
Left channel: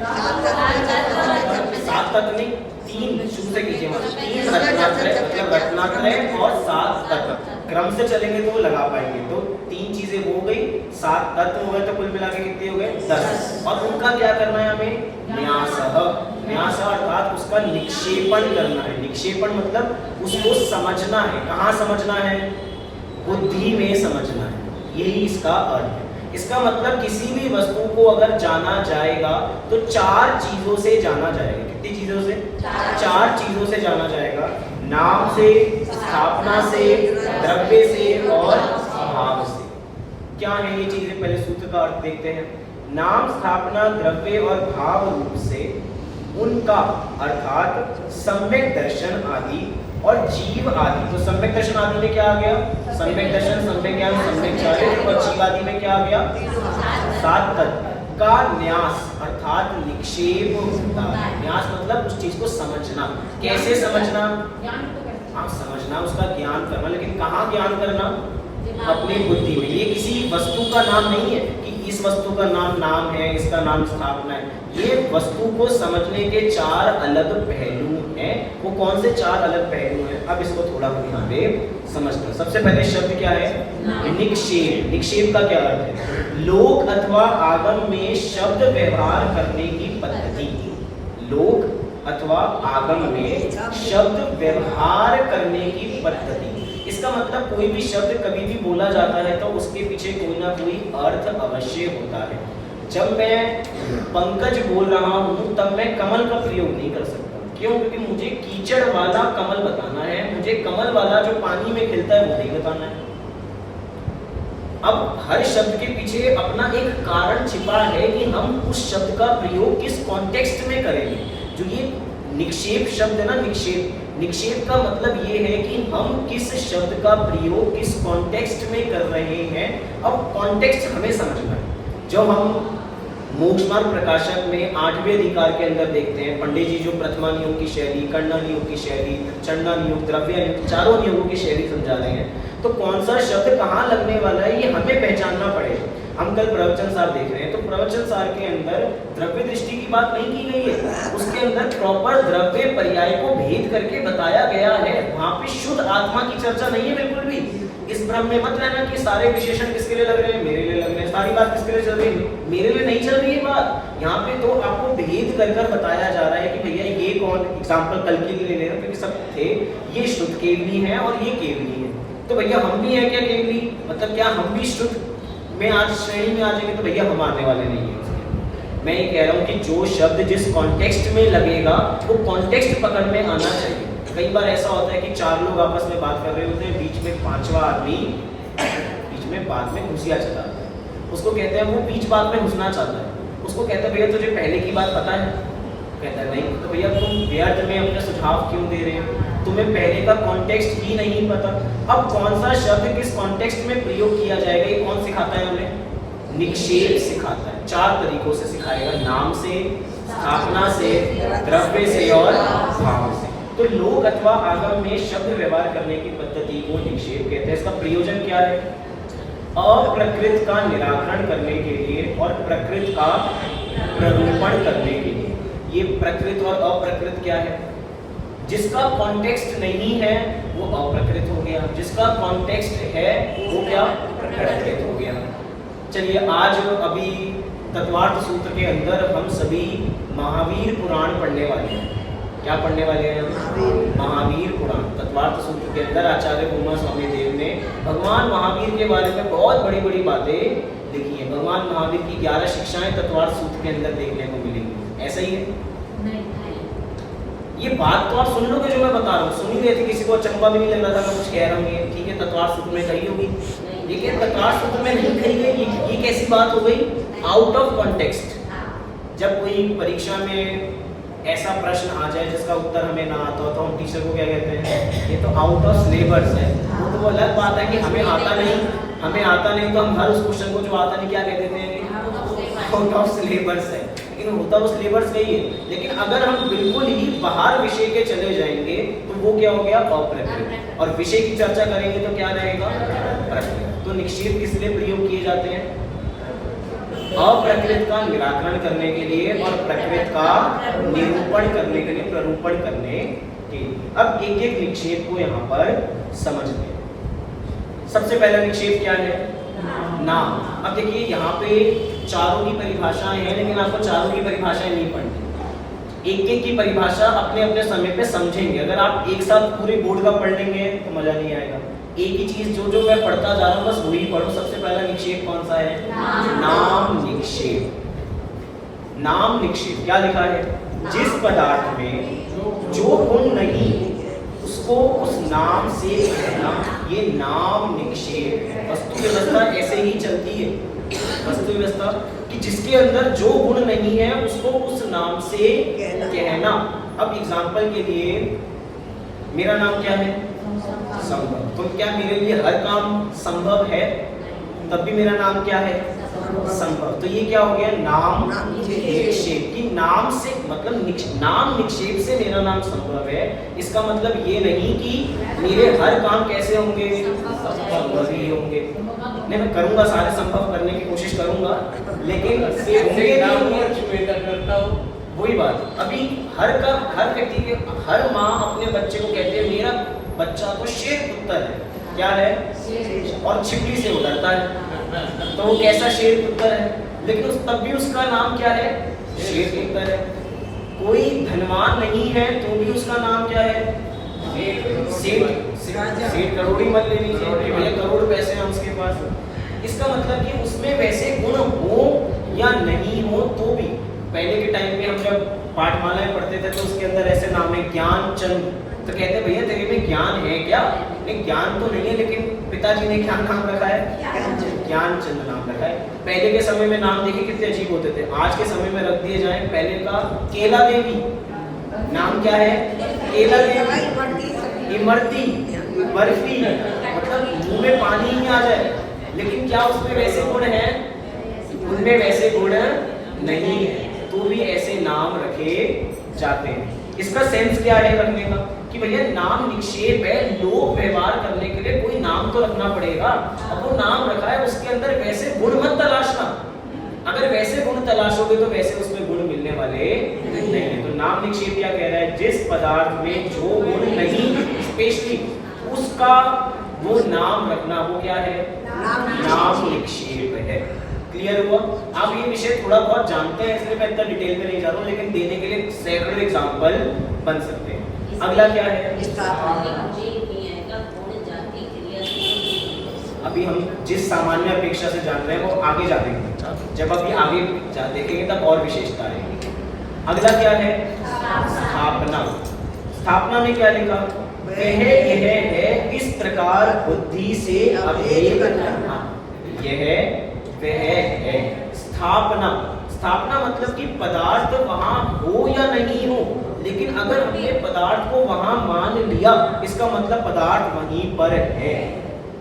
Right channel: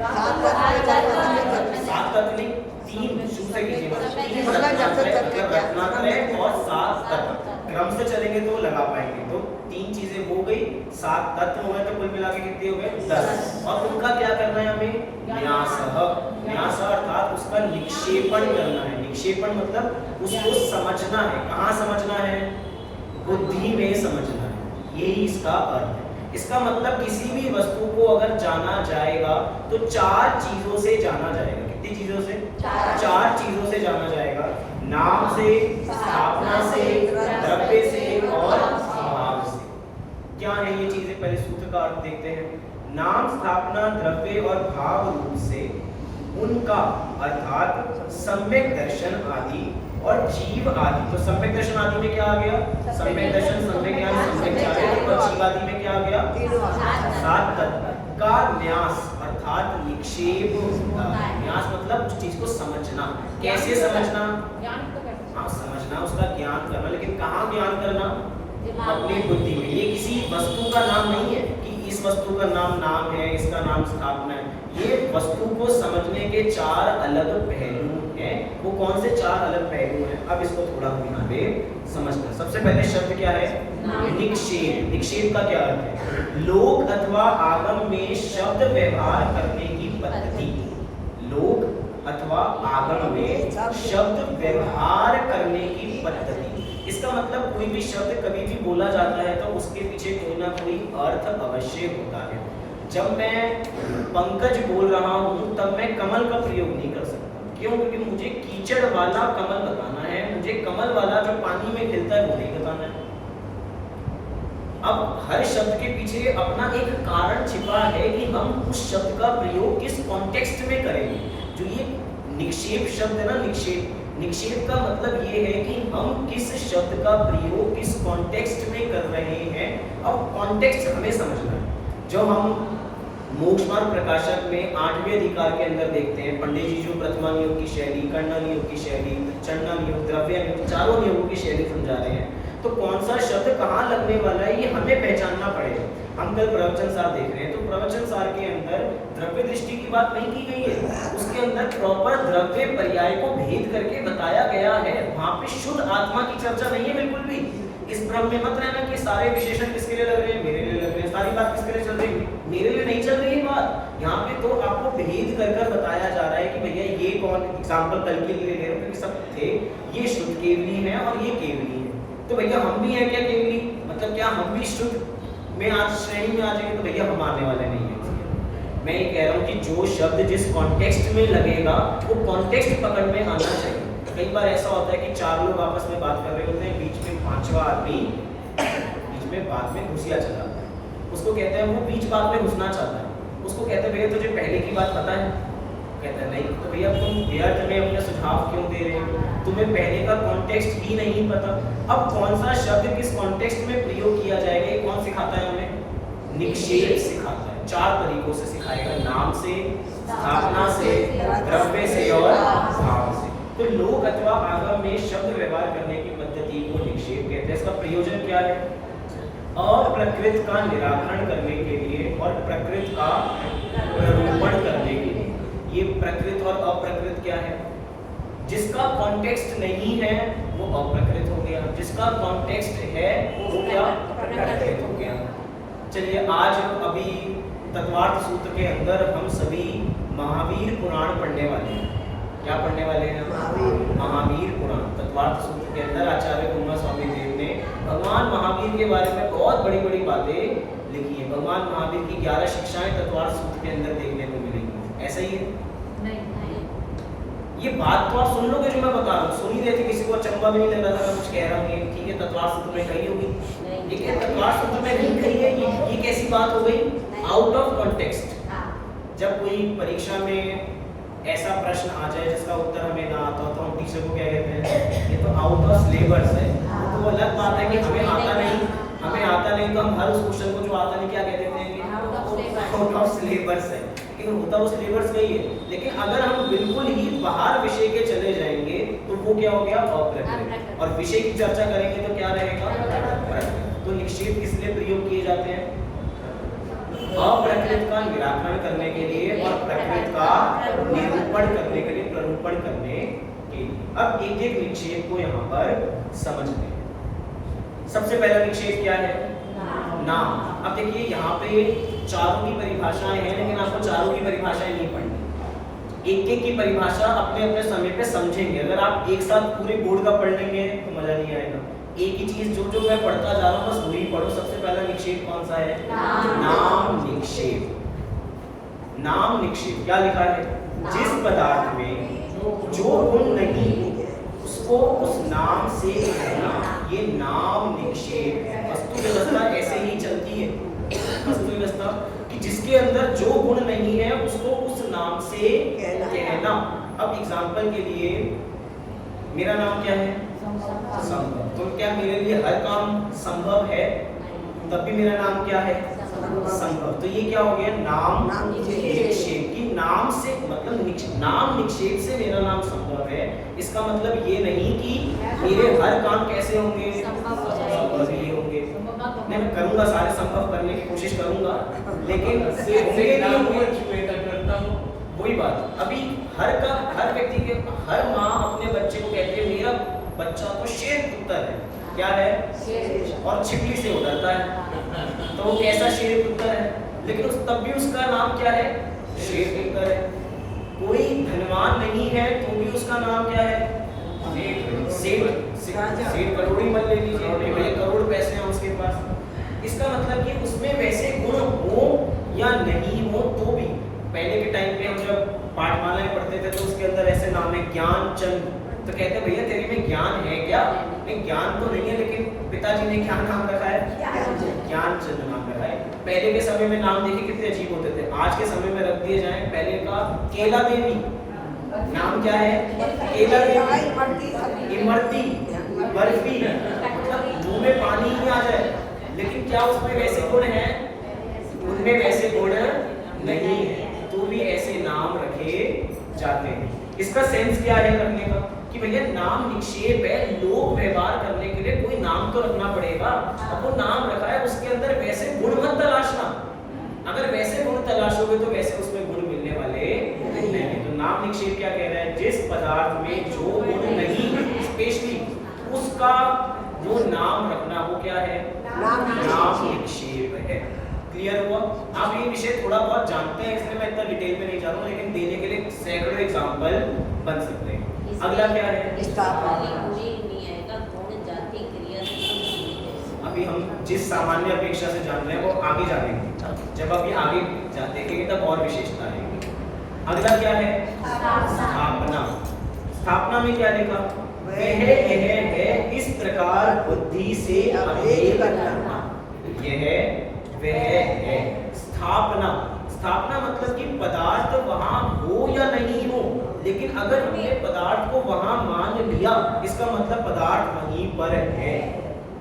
7 तत्व नहीं, 3 शुरू से कीजिए। 3 रत्नात्रय मतलब रत्नात्रय और 7 तत्व। क्रम से चलेंगे तो वो लगा पाएंगे। तो 3 चीजें हो गई, 7 तत्व हो गए, तो कुल मिला के कितने हो गए? 10। और उनका क्या करना है हमें? न्यासः। न्यास अर्थात उसका निक्षेपण करना है। निक्षेपण मतलब उसको समझना है। कहाँ समझना है? बुद्धि में समझना है। यही इसका अर्थ है। इसका मतलब किसी भी वस्तु को अगर जाना जाएगा तो 4 चीजों से जाना जाएगा। कितनी चीजों से? 4 चीजों से जाना जाएगा। नाम से, स्थापना से, द्रव्य से और भाव से। क्या है ये चीजें? पहले सूत्र का अर्थ देखते हैं। नाम स्थापना द्रव्य और भाव रूप से उनका अर्थात सम्यक दर्शन आदि और जीव आदि। तो सम्यक दर्शन आदि में क्या आ गया? सम्यक दर्शन, सम्यक ज्ञान, सम्यक चारित्र। और जीव आदि में क्या आ गया? 7 तत्व का न्यास अर्थात निक्षेप होता है। न्यास मतलब उस चीज को समझना। कैसे समझना? हाँ, समझना, उसका ज्ञान करना। लेकिन कहाँ ज्ञान करना? अपनी बुद्धि में। ये किसी वस्तु का नाम नहीं है कि इस वस्तु का नाम है, इसका नाम स्थापना है। ये वस्तु को समझने के 4 अलग पहलू हैं। वो कौन से 4 अलग पहलू हैं? अब इसको थोड़ा हम यहाँ पे समझते हैं। सबसे पहले शब्द क्या है? निक्षेप। निक्षेप का क्या अर्थ है? लोक अथवा आगम में शब्द व्यवहार करने की पद्धति। लोक अथवा आगम में शब्द व्यवहार करने की पद्धति। इसका मतलब कोई भी शब्द कभी भी बोला जाता है तो उसके पीछे कोई ना कोई अर्थ अवश्य होता है। जब मैं पंकज बोल रहा हूँ तब मैं कमल का प्रयोग नहीं कर सकता। क्यों? क्योंकि मुझे कीचड़ वाला कमल बताना है, मुझे कमल वाला जो पानी में खिलता है वो नहीं बताना है। अब हर शब्द के पीछे अपना एक कारण छिपा है कि हम उस शब्द का प्रयोग किस कॉन्टेक्स्ट में करेंगे। जो ये निक्षेप शब्द है ना, निक्षेप का मतलब ये है कि हम किस शब्द का प्रयोग किस कॉन्टेक्स्ट में कर रहे हैं। अब कॉन्टेक्स्ट हमें समझना है। जो हम मोक्षमार्ग प्रकाशक में 8वें अधिकार के अंदर देखते हैं, पंडित जी जो प्रथमा नियोग की शैली, कर्णा नियोग की शैली, चंडा नियोग, द्रव्य नियोग, चारों नियोगों की शैली समझा रहे हैं। तो कौन सा शब्द कहाँ लगने वाला है ये हमें पहचानना पड़ेगा। हम कल प्रवचन सार देख रहे हैं, तो प्रवचन सार के अंदर द्रव्य दृष्टि की बात नहीं की गई है, उसके अंदर प्रॉपर द्रव्य पर्याय को भेद करके बताया गया है। वहां पे शुद्ध आत्मा की चर्चा नहीं है बिल्कुल भी। इस भ्रम में मत रहना कि सारे विशेषण किसके लिए लग रहे हैं, मेरे लिए लग रहे हैं, सारी बात किसके लिए चल रही है, मेरे लिए नहीं चल रही है बात। यहाँ पे तो आपको भेद कर कर बताया जा रहा है कि भैया ये कौन, एग्जाम्पल कल के लिए ले रहे हैं क्योंकि सब थे, ये शुद्ध केवली है और ये केवली है। तो भैया हम भी है क्या केवली, मतलब क्या हम भी शुद्ध में आज श्रेणी में आ जाएंगे? तो भैया हम आने वाले नहीं है। मैं ये कह रहा हूँ कि जो शब्द जिस कॉन्टेक्स्ट में लगेगा वो कॉन्टेक्स्ट पकड़ में आना चाहिए। कई बार ऐसा होता है कि 4 लोग आपस में बात कर रहे होते हैं, बीच में 5वां आदमी बीच में बात में घुसिया चलाता है। उसको कहते हैं, वो बीच बात में घुसना चाहता है, उसको कहते हैं भैया तुझे पहले की बात पता है? कहता है नहीं। तो भैया तुम व्यर्थ में अपने सुझाव क्यों दे रहे हो, तुम्हें पहले का कॉन्टेक्स्ट ही नहीं पता। अब कौन सा शब्द किस कॉन्टेक्स्ट में प्रयोग किया जाएगा ये कौन सिखाता है हमें? निक्षेप सिखाता है। 4 तरीकों से सिखाएगा, नाम से, स्थापना से, द्रव्य से और भाव से। तो लोक अथवा आगम में शब्द व्यवहार करने की पद्धति को निक्षेप कहते हैं। इसका प्रयोजन क्या है? अप्रकृत का निराकरण करने के लिए और प्रकृत का प्ररूपण करने के लिए। ये प्रकृत और अप्रकृत क्या है? जिसका कॉन्टेक्स्ट नहीं है वो अप्रकृत हो गया, जिसका कॉन्टेक्स्ट है वो क्या? प्रकृत हो गया। चलिए आज अभी तत्वार्थ सूत्र के अंदर हम सभी महावीर पुराण पढ़ने वाले हैं। क्या पढ़ने वाले हैं? महावीर पुराण। तत्वार्थ सूत्र के अंदर आचार्य उमा स्वामी देव ने भगवान महावीर के बारे में बहुत बड़ी बड़ी बातें लिखी है। भगवान महावीर की 11 शिक्षाएं तत्वार्थ सूत्र के अंदर देखने को मिलेंगी। ऐसा ही है? ये बात तो आप सुन लोगे जो मैं बता रहा हूँ, सुन ही रहे थे, किसी को चंबा भी नहीं लग रहा था मैं कुछ कह रहा हूँ। ठीक है, तत्वार्थ सूत्र में कही होगी, लेकिन तत्वार्थ सूत्र में नहीं कही गई। ये कैसी बात हो गई? Out of context. जब कोई परीक्षा में ऐसा प्रश्न आ जाए जिसका उत्तर हमें ना आता हो तो हम टीचर को क्या कहते हैं? ये तो आउट ऑफ सिलेबस है। वो तो अलग बात है कि हमें आता नहीं तो हम हर उस क्वेश्चन को जो आता नहीं क्या कह देते हैं? आउट ऑफ सिलेबस है। लेकिन होता वो सिलेबस नहीं है। लेकिन अगर हम बिल्कुल ही बाहर विषय के चले जाएंगे तो वो क्या हो गया? अप्रकृत। और विषय की चर्चा करेंगे तो क्या रहेगा? प्रकृत। तो निक्षेप किस लिए प्रयोग किए जाते हैं? अप्रकृत का निराकरण करने के लिए और प्रकृत का निरूपण करने के लिए, प्ररूपण करने के लिए। अब एक एक निक्षेप को यहाँ पर समझते हैं। सबसे पहला निक्षेप क्या है? नाम। अब देखिए यहाँ पे चारों की परिभाषाएं हैं, लेकिन आपको चारों की परिभाषाएं नहीं पढ़नी। एक एक की परिभाषा अपने अपने समय पे समझेंगे। अगर आप एक साथ पूरे बोर्ड का पढ़ लेंगे तो मजा नहीं आएगा। एक ही चीज जो मैं पढ़ता जा रहा हूँ बस वही पढ़ो। सबसे पहला निक्षेप कौन सा है? नाम निक्षेप। नाम निक्षेप क्या लिखा है? जिस पदार्थ में जो गुण नहीं उसको उस नाम से कहना, ये नाम निक्षेप। वस्तु व्यवस्था ऐसे ही चलती है। वस्तु व्यवस्था कि जिसके अंदर जो गुण नहीं है उसको उस नाम से कहना। अब एग्जाम्पल के लिए मेरा नाम क्या है? संभव। तो क्या मेरे लिए हर काम संभव है? तब भी मेरा नाम क्या है? संभव। तो ये क्या हो गया? नाम निक्षेप। कि नाम से मतलब नाम निक्षेप से मेरा नाम संभव है। इसका मतलब ये नहीं कि मेरे हर काम कैसे होंगे? संभव ही होंगे। नहीं, मैं करूंगा, सारे संभव करने की कोशिश करूंगा, लेकिन वही बात। अभी हर व्यक्ति के हर माँ अपने बच्चे को कहती है मेरा बच्चा तो शेर पुत्र है। क्या है? और छिपली से उतरता है तो वो कैसा शेर पुत्र है, लेकिन तब भी उसका नाम क्या है? शेर पुत्र है। कोई धनवान नहीं है तो भी उसका नाम क्या है? सेठ करोड़ी मत ले लीजिए, भैया करोड़ पैसे हैं उसके पास। इसका मतलब कि उसमें वैसे गुण हो या नहीं हो तो भी, पहले के टाइम में हम जब पाठमालाएं पढ़ते थे तो उसके अंदर ऐसे नाम है ज्ञान चंद, तो कहते हैं भैया तेरे में ज्ञान है क्या? नहीं, ज्ञान तो नहीं है, लेकिन पिताजी ने क्या नाम रखा है? ज्ञानचंद नाम रखा है। पहले के समय में नाम देखिए कितने अजीब होते थे, आज के समय में रख दिए जाए। पहले का केला देवी, नाम क्या है? केला देवी, इमरती, बर्फी, मतलब मुंह में पानी ही आ जाए। लेकिन क्या उसमें वैसे गुण है? उनमें वैसे गुण नहीं है, तो भी ऐसे नाम रखे जाते हैं। इसका सेंस क्या है रखने का? कि भैया नाम निक्षेप है, लोक व्यवहार करने के लिए कोई नाम तो रखना पड़ेगा। अब वो नाम रखा है, उसके अंदर वैसे गुण मत तलाशना। अगर वैसे गुण तलाशोगे तो वैसे उसमें गुण मिलने वाले नहीं है। तो नाम निक्षेप क्या कह रहा है? जिस पदार्थ में जो गुण नहीं स्पेशली उसका वो नाम रखना, वो क्या है? नाम निक्षेप है। क्लियर हुआ? आप ये विषय थोड़ा बहुत जानते हैं, इसलिए मैं इतना डिटेल में नहीं जा रहा हूँ, लेकिन देने के लिए सैकड़ों एग्जाम्पल बन सकते हैं। अगला क्या है? अभी हम जिस सामान्य अपेक्षा से जान रहे हैं वो आगे जानेंगे, जब अभी आगे देखेंगे तब और विशेषता आएगी। अगला क्या है? स्थापना। स्थापना में क्या लिखा? वह यह है इस प्रकार बुद्धि से अभेद करना। यह वह है स्थापना। स्थापना मतलब कि पदार्थ वहां हो या नहीं हो, लेकिन अगर हमने पदार्थ को वहां मान लिया, इसका मतलब पदार्थ वहीं पर है।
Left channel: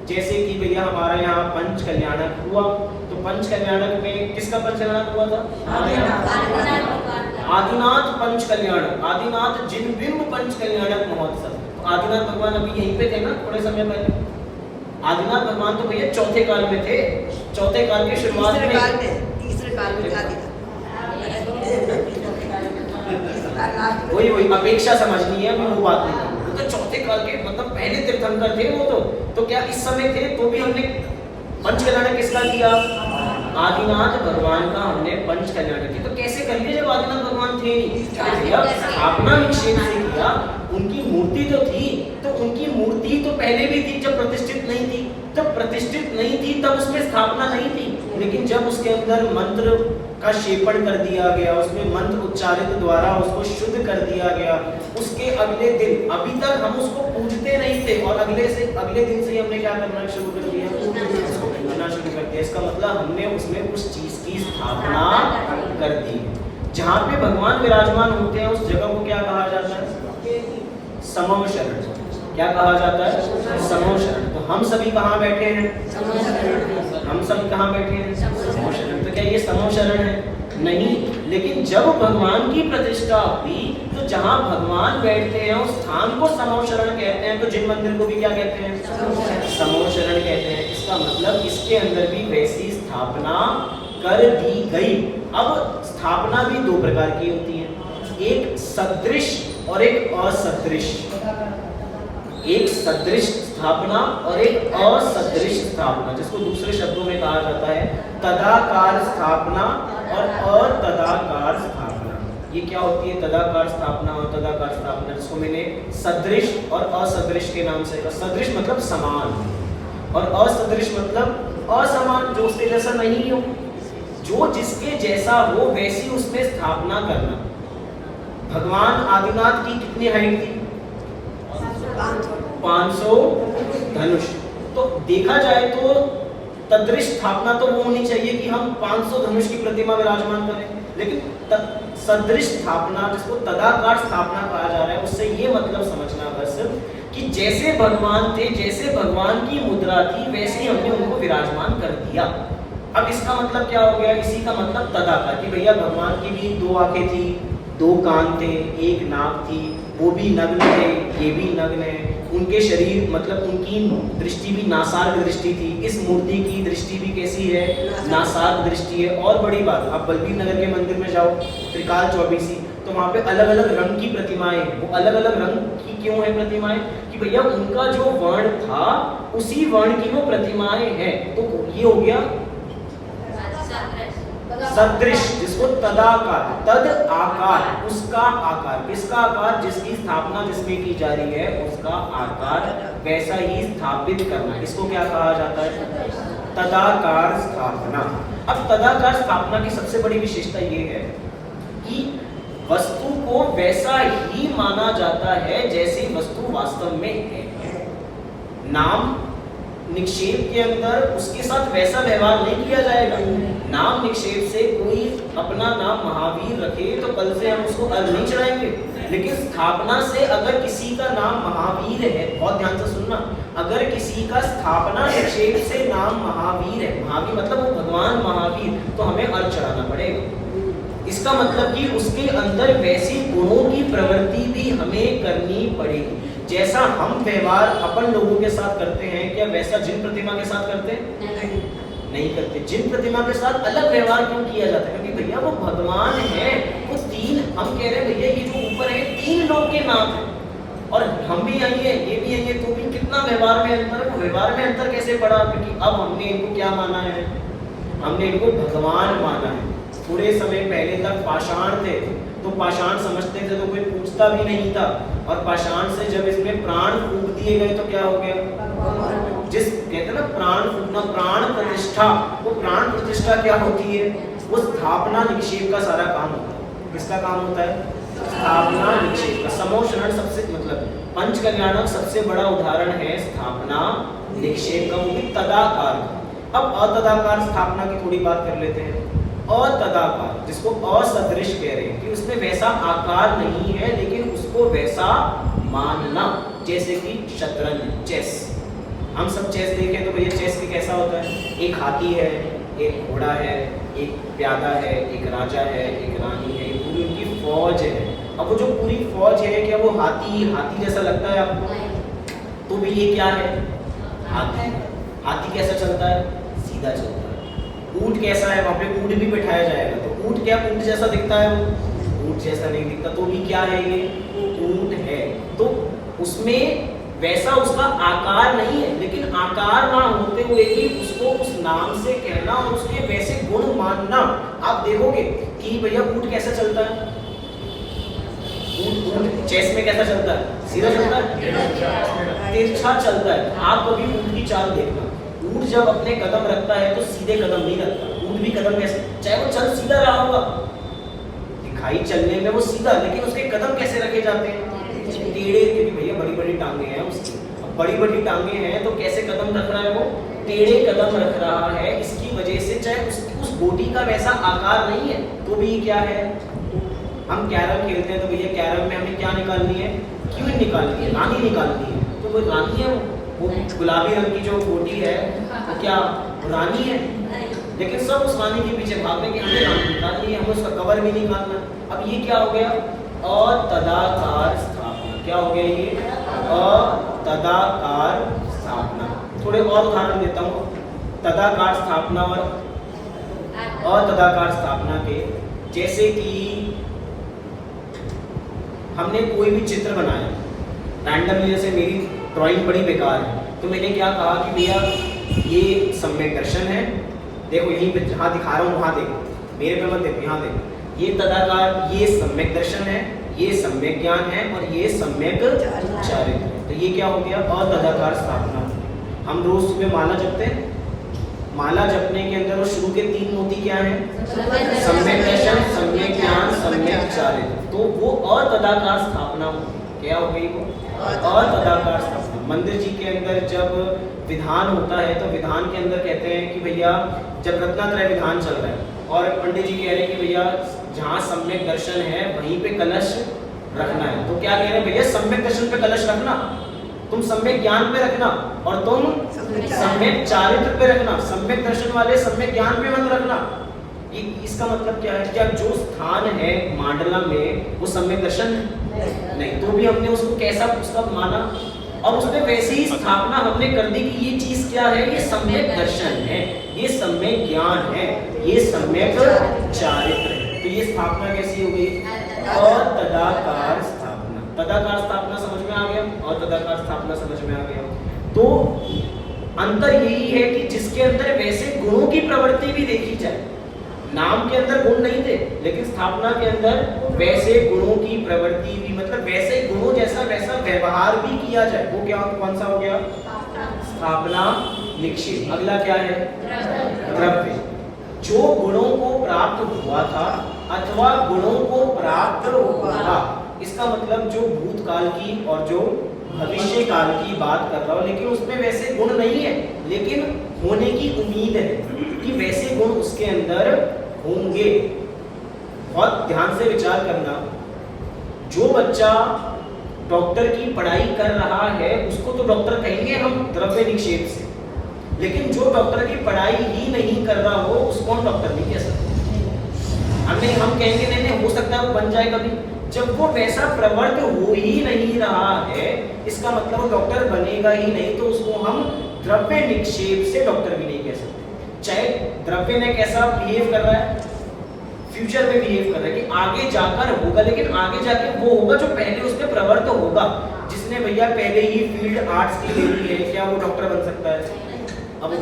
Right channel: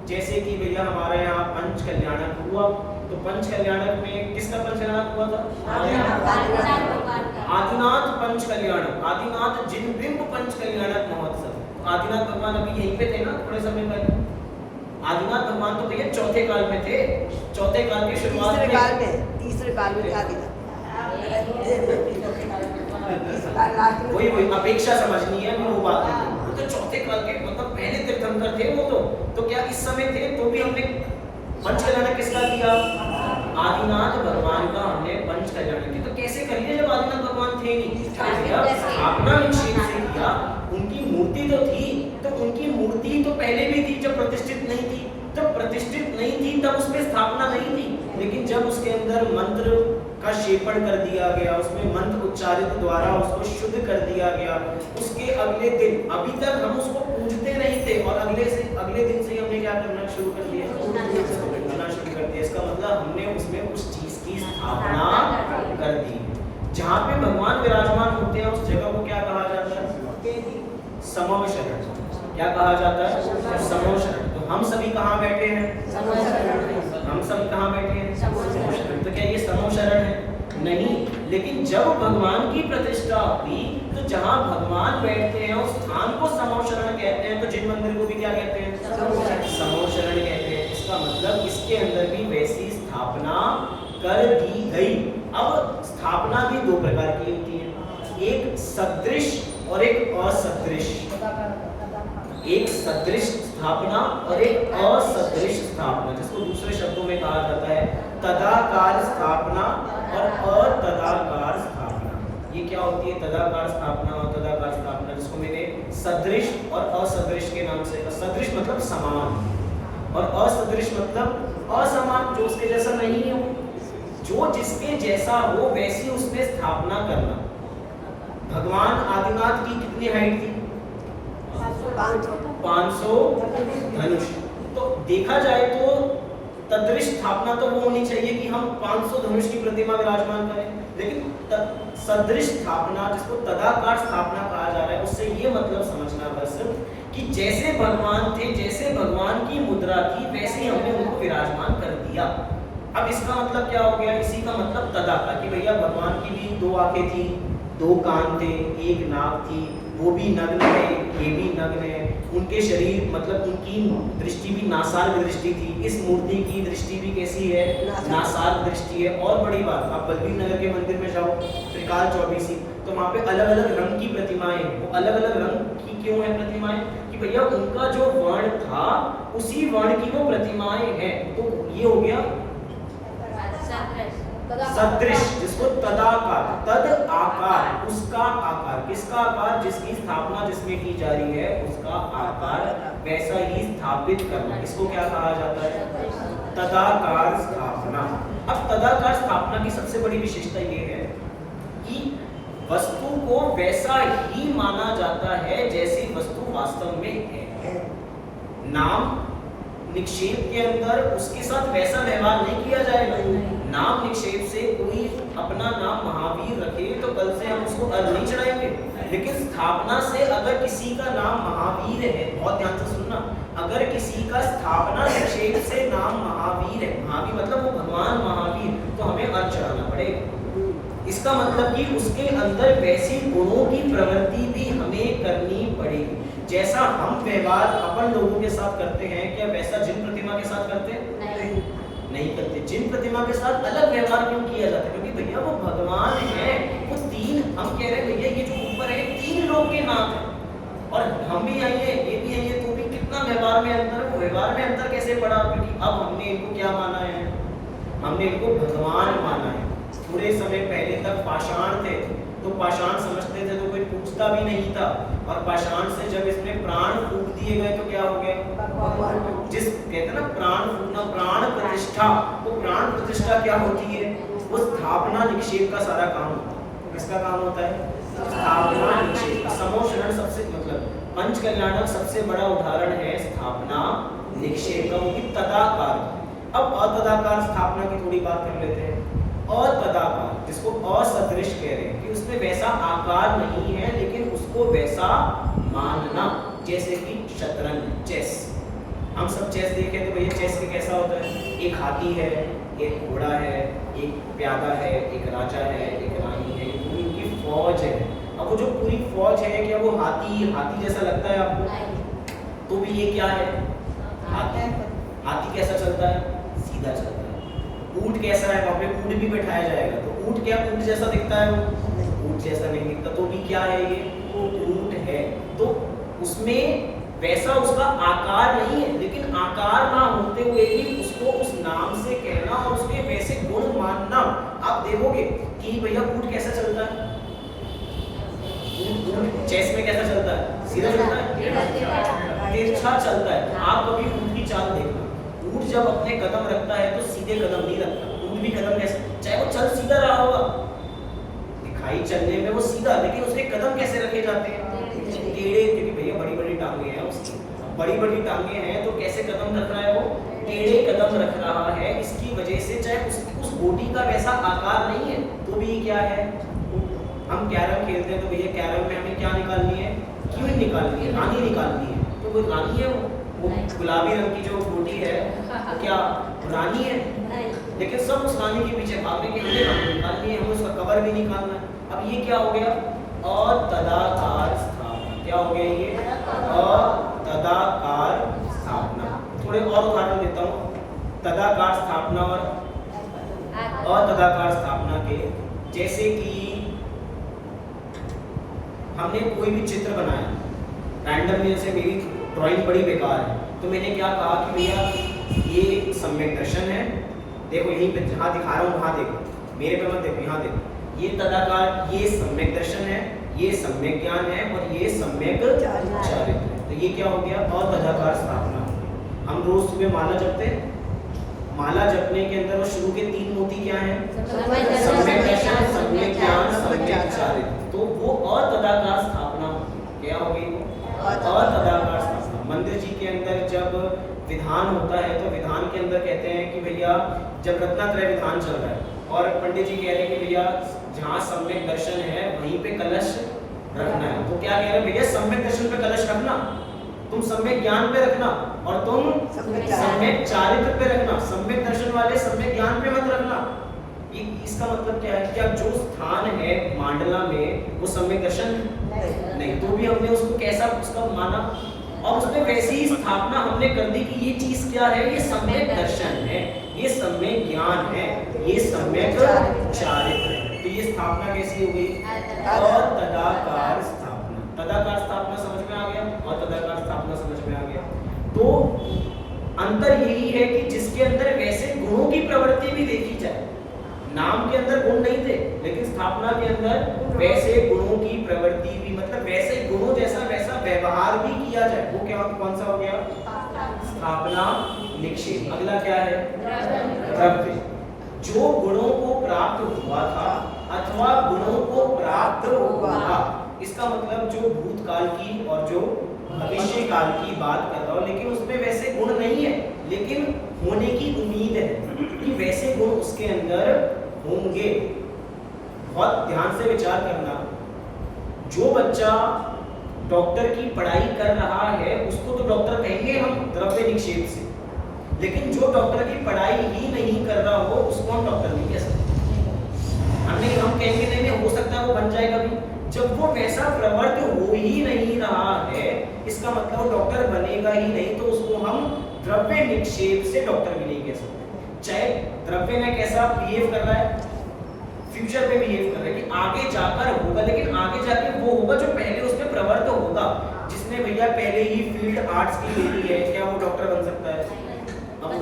जैसे कि भैया हमारा यहाँ पंच कल्याणक हुआ, तो पंच कल्याणक में किसका पंच कल्याणक हुआ था? आदिनाथ पंच कल्याणक, आदिनाथ जिनबिंब पंच कल्याणक महोत्सव। तो आदिनाथ भगवान अभी यहीं पे थे ना थोड़े समय पहले। आदिनाथ भगवान तो भैया चौथे काल में थे, चौथे काल के शुरुआत में, तीसरे काल में वही अपेक्षा समझनी है, मैं वो बात नहीं। वो तो चौथे काल के मतलब पहले तीर्थंकर थे वो तो क्या इस समय थे तो भी हमने पंच कल्याणक किसका किया? आदिनाथ भगवान का हमने पंच कल्याणक किया। तो कैसे करिए जब आदिनाथ भगवान थे? स्थापना निक्षेप से किया। उनकी मूर्ति तो थी, तो उनकी मूर्ति तो पहले भी थी जब प्रतिष्ठित नहीं थी। जब प्रतिष्ठित नहीं थी तब उसमें स्थापना नहीं थी, लेकिन जब उसके अंदर मंत्र का क्षेपण कर दिया गया, उसमें मंत्र उच्चारित द्वारा उसको शुद्ध कर दिया गया, उसके अगले दिन, अभी तक हम उसको पूजते नहीं थे और अगले दिन से हमने क्या करना शुरू कर दिया? करना शुरू कर दिया। इसका मतलब हमने उसमें उस चीज की स्थापना कर दी। जहाँ पे भगवान विराजमान होते हैं उस जगह को क्या कहा जाता है? समम शरण। क्या कहा जाता है? समम शरण। तो हम सभी कहाँ बैठे हैं? हम सभी कहाँ बैठे हैं? समम शरण। तो क्या ये समम शरण है? नहीं, लेकिन जब भगवान की प्रतिष्ठा हुई तो जहाँ भगवान बैठते हैं उस स्थान को समम शरण कहते हैं। तो जिन मंदिर को भी क्या कहते हैं? समम शरण कहते हैं। इसका मतलब इसके अंदर भी वैसी स्थापना कर दी गई। अब स्थापना भी दो प्रकार की होती है, एक सदृश और एक असदृश। एक सदृश स्थापना और एक असदृश स्थापना, जिसको दूसरे शब्दों में कहा जाता है तदाकार स्थापना और अतदाकार स्थापना। ये क्या होती है? तदाकार स्थापना और तदाकार स्थापना, जिसको मैंने सदृश और असदृश के नाम से कहा। सदृश मतलब समान और असदृश मतलब असमान, जो उसके जैसा नहीं हो, जो जिसके जैसा हो वैसी उसमें स्थापना करना। भगवान आदिनाथ की कितनी हाइट थी? 500 धनुष। तो देखा जाए तो तदृश स्थापना तो वो होनी चाहिए कि हम 500 धनुष की प्रतिमा विराजमान करें, लेकिन सदृश स्थापना, जिसको तदाकार स्थापना कहा जा रहा है, उससे ये मतलब समझना बस कि जैसे भगवान थे, जैसे भगवान की मुद्रा थी, वैसे हमने उनको विराजमान कर दिया। अब इसका मतलब क्या हो गया? इसी का मतलब तदाकार, कि भैया भगवान की भी 2 आंखें थी, 2 कान थे, 1 नाक थी, वो भी नग्न है, ये भी नग्न है। उनके शरीर मतलब उनकी दृष्टि भी नासार्ग दृष्टि थी। इस मूर्ति की दृष्टि भी कैसी है? नासार्ग दृष्टि है। और बड़ी बात, आप बलबीर नगर के मंदिर में जाओ, त्रिकाल चौबीसी, तो वहाँ पे अलग अलग रंग की प्रतिमाएं हैं। वो अलग अलग रंग की क्यों है प्रतिमाएं? कि भैया उनका जो वर्ण था उसी वर्ण की वो प्रतिमाएं हैं। तो ये हो गया सदृश, जिसको इसको तदाकार, तद आकार, उसका आकार, किसका आकार, जिसकी स्थापना जिसमें की जा रही है उसका आकार वैसा ही स्थापित करना, इसको क्या कहा जाता है, तदाकार स्थापना। अब तदाकार स्थापना की सबसे बड़ी विशेषता ये है कि वस्तु को वैसा ही माना जाता है जैसी वस्तु वास्तव में है। नाम निक्षेप के अंदर उसके साथ वैसा व्यवहार नहीं किया जाएगा। नाम निक्षेप से कोई अपना नाम महावीर रखे तो कल से हम उसको अर्घ नहीं चढ़ाएंगे, लेकिन स्थापना से अगर किसी का नाम महावीर है, बहुत ध्यान से सुनना, अगर किसी का स्थापना निक्षेप से नाम महावीर है, महावीर मतलब वो भगवान महावीर, तो हमें अर्घ चढ़ाना पड़ेगा। इसका मतलब कि उसके अंदर वैसी गुणों की प्रवृत्ति भी हमें करनी पड़ेगी। जैसा हम व्यवहार अपन लोगों के साथ करते हैं, क्या वैसा जिन प्रतिमा के साथ करते हैं? नहीं करते। जिन प्रतिमा के साथ अलग व्यवहार क्यों किया जाता है? क्योंकि भैया वो भगवान है, वो तीन, हम कह रहे हैं भैया ये जो ऊपर है तीन लोग के नाम है, और हम भी आई है, ये भी आई है, तो भी कितना व्यवहार में अंतर है। व्यवहार में अंतर कैसे पड़ा? क्योंकि अब हमने इनको क्या माना है, हमने इनको भगवान माना है। थोड़े समय पहले तक पाषाण थे, तो पाषाण समझते थे तो कोई पूछता भी नहीं था, और पाषाण से जब इसमें प्राण फूंक दिए गए तो क्या हो गया, जिस कहते हैं ना प्राण फूंकना, प्राण प्रतिष्ठा, वो प्राण प्रतिष्ठा क्या होती है, वो स्थापना निक्षेप का सारा काम होता है। किसका काम होता है? स्थापना निक्षेप का। समोषण सबसे मतलब पंच कल्याणक सबसे बड़ा उदाहरण है स्थापना निक्षेप का, वो भी तदाकार। अब अतदाकार स्थापना की थोड़ी बात कर लेते हैं। अतदाकार, जिसको असदृश कह रहे हैं कि उसमें वैसा आकार नहीं है लेकिन उसको वैसा मानना, जैसे कि शतरंज, चेस। हम सब चेस देखें तो भैया चेस में कैसा होता है, एक हाथी है, एक घोड़ा है, एक प्यादा है, एक राजा है, एक रानी है, पूरी उनकी फौज है। अब वो जो पूरी फौज है, क्या वो हाथी जैसा लगता है आपको? तो भी ये क्या है, हाथी। हाथी कैसा चलता है? सीधा चलता है। ऊंट कैसा है? वहाँ पे ऊंट भी बैठाया जाएगा, तो ऊंट क्या ऊंट जैसा दिखता है? ऊंट जैसा नहीं दिखता, तो भी क्या है, ये ऊंट है। तो उसमें वैसा उसका आकार नहीं है, लेकिन आकार ना होते हुए भी उसको उस नाम से कहना और उसके वैसे गुण मानना। आप देखोगे कि भैया ऊंट कैसा चलता है, ऊंट चेस में कैसा चलता है? सीधा चलता है, तिरछा चलता है। आप कभी ऊंट की चाल देखो, ऊंट जब अपने कदम रखता है तो सीधे कदम नहीं रखता। ऊंट भी कदम कैसे, चाहे वो चल सीधा रहा होगा, दिखाई चलने में वो सीधा, लेकिन उसके कदम कैसे रखे जाते हैं? टेढ़े, क्योंकि भैया बड़ी बड़ी टांगे हैं उसकी, बड़ी बड़ी टांगे हैं तो कैसे कदम रख रहा है वो? टेढ़े कदम रख रहा है। इसकी वजह से चाहे उस गोटी का वैसा आकार नहीं है तो भी क्या है। हम कैरम खेलते हैं तो भैया कैरम में हमें क्या निकालनी है, क्वीन निकालनी है, रानी निकालनी है, तो वो रानी है, वो गुलाबी रंग की जो गोटी है वो क्या रानी है, लेकिन सब उस रानी के पीछे भागने की हमें रानी निकालनी है, हमें उसका कवर भी निकालना है। अब ये क्या हो गया, अतदाकार स्थापना। क्या हो गया ये, अतदाकार स्थापना। थोड़े और उदाहरण देता हूँ तदाकार स्थापना और अतदाकार स्थापना के। जैसे कि हमने कोई भी चित्र बनाया रैंडमली, जैसे मेरी ड्राइंग बड़ी बेकार है, तो मैंने क्या कहा कि भैया ये सम्यक दर्शन है, देखो यहीं पे जहाँ दिखा रहा हूँ वहाँ देखो, मेरे पे मत देखो, यहाँ देखो, ये तदाकार, ये सम्यक दर्शन है, ये सम्यक ज्ञान है और ये सम्यक चारित्र है। तो ये क्या हो गया, अतदाकार स्थापना। हम रोज सुबह माला जपते हैं, माला जपने के अंदर शुरू के 3 मोती क्या हैं, सम्यक दर्शन, सम्यक ज्ञान, सम्यक चारित्र। तो वो अतदाकार स्थापना क्या हो गई, वो अतदाकार स्थापना। मंदिर जी के अंदर जब विधान होता है तो विधान के अंदर कहते हैं कि भैया जब रत्नात्रय विधान चल रहा है और पंडित जी कह रहे हैं कि भैया जहाँ सम्यक दर्शन है वहीं पे कलश रखना है, तो क्या कह रहे हैं भैया सम्यक दर्शन पे कलश रखना, तुम सम्यक ज्ञान पे रखना और तुम सम्यक चारित्र पे रखना, सम्यक दर्शन वाले सम्यक ज्ञान पे मत रखना। इसका मतलब क्या है, क्या जो स्थान है मांडला में वो सम्यक दर्शन नहीं, तो भी हमने उसको कैसा उसका माना और उसमें वैसे ही स्थापना हमने कर दी कि ये चीज क्या है, ये सम्यक दर्शन है, ये सम्यक ज्ञान है, ये सम्यक चारित्र है। तो ये स्थापना कैसी हो गई, और तदाकार स्थापना। तदाकार स्थापना समझ में आ गया और तदाकार स्थापना समझ में आ गया। तो अंतर यही है कि जिसके अंदर वैसे गुणों की प्रवृत्ति भी देखी जाए, नाम के अंदर गुण नहीं थे, लेकिन स्थापना के अंदर वैसे गुणों की प्रवृत्ति भी, मतलब वैसे गुणों जैसा वैसा व्यवहार भी किया जाए, वो क्या कौन सा हो गया? स्थापना निक्षेप। अगला क्या है? द्रव्य। जो गुणों को प्राप्त हुआ था अथवा गुणों को प्राप्त होगा, इसका मतलब जो भूतकाल की और जो भविष्य काल की बात कर रहा हूं, लेकिन उसमें वैसे गुण नहीं है, लेकिन होने की उम्मीद है कि वैसे गुण उसके अंदर होंगे। बहुत ध्यान से विचार करना, जो बच्चा डॉक्टर की पढ़ाई कर रहा है उसको तो डॉक्टर कहेंगे हम द्रव्य निक्षेप से, लेकिन जो डॉक्टर की पढ़ाई ही नहीं कर रहा हो उसको हम डॉक्टर नहीं कह सकते। हम कहेंगे नहीं हो सकता है वो बन जाए कभी, जब वो वैसा प्रवृत्त हो ही नहीं रहा है, इसका मतलब वो डॉक्टर बनेगा ही नहीं, तो उसको हम द्रव्य निक्षेप से डॉक्टर भी नहीं कह सकते। चाहे द्रव्य ने कैसा बिहेव कर रहा है, फ्यूचर में बिहेव कर रहा है कि आगे जाकर होगा, लेकिन आगे जाके वो होगा जो पहले उसमें प्रवृत्त होगा। जिसने भैया पहले ही फील्ड आर्ट्स की ले ली है, क्या वो डॉक्टर बन सकता है? अब वो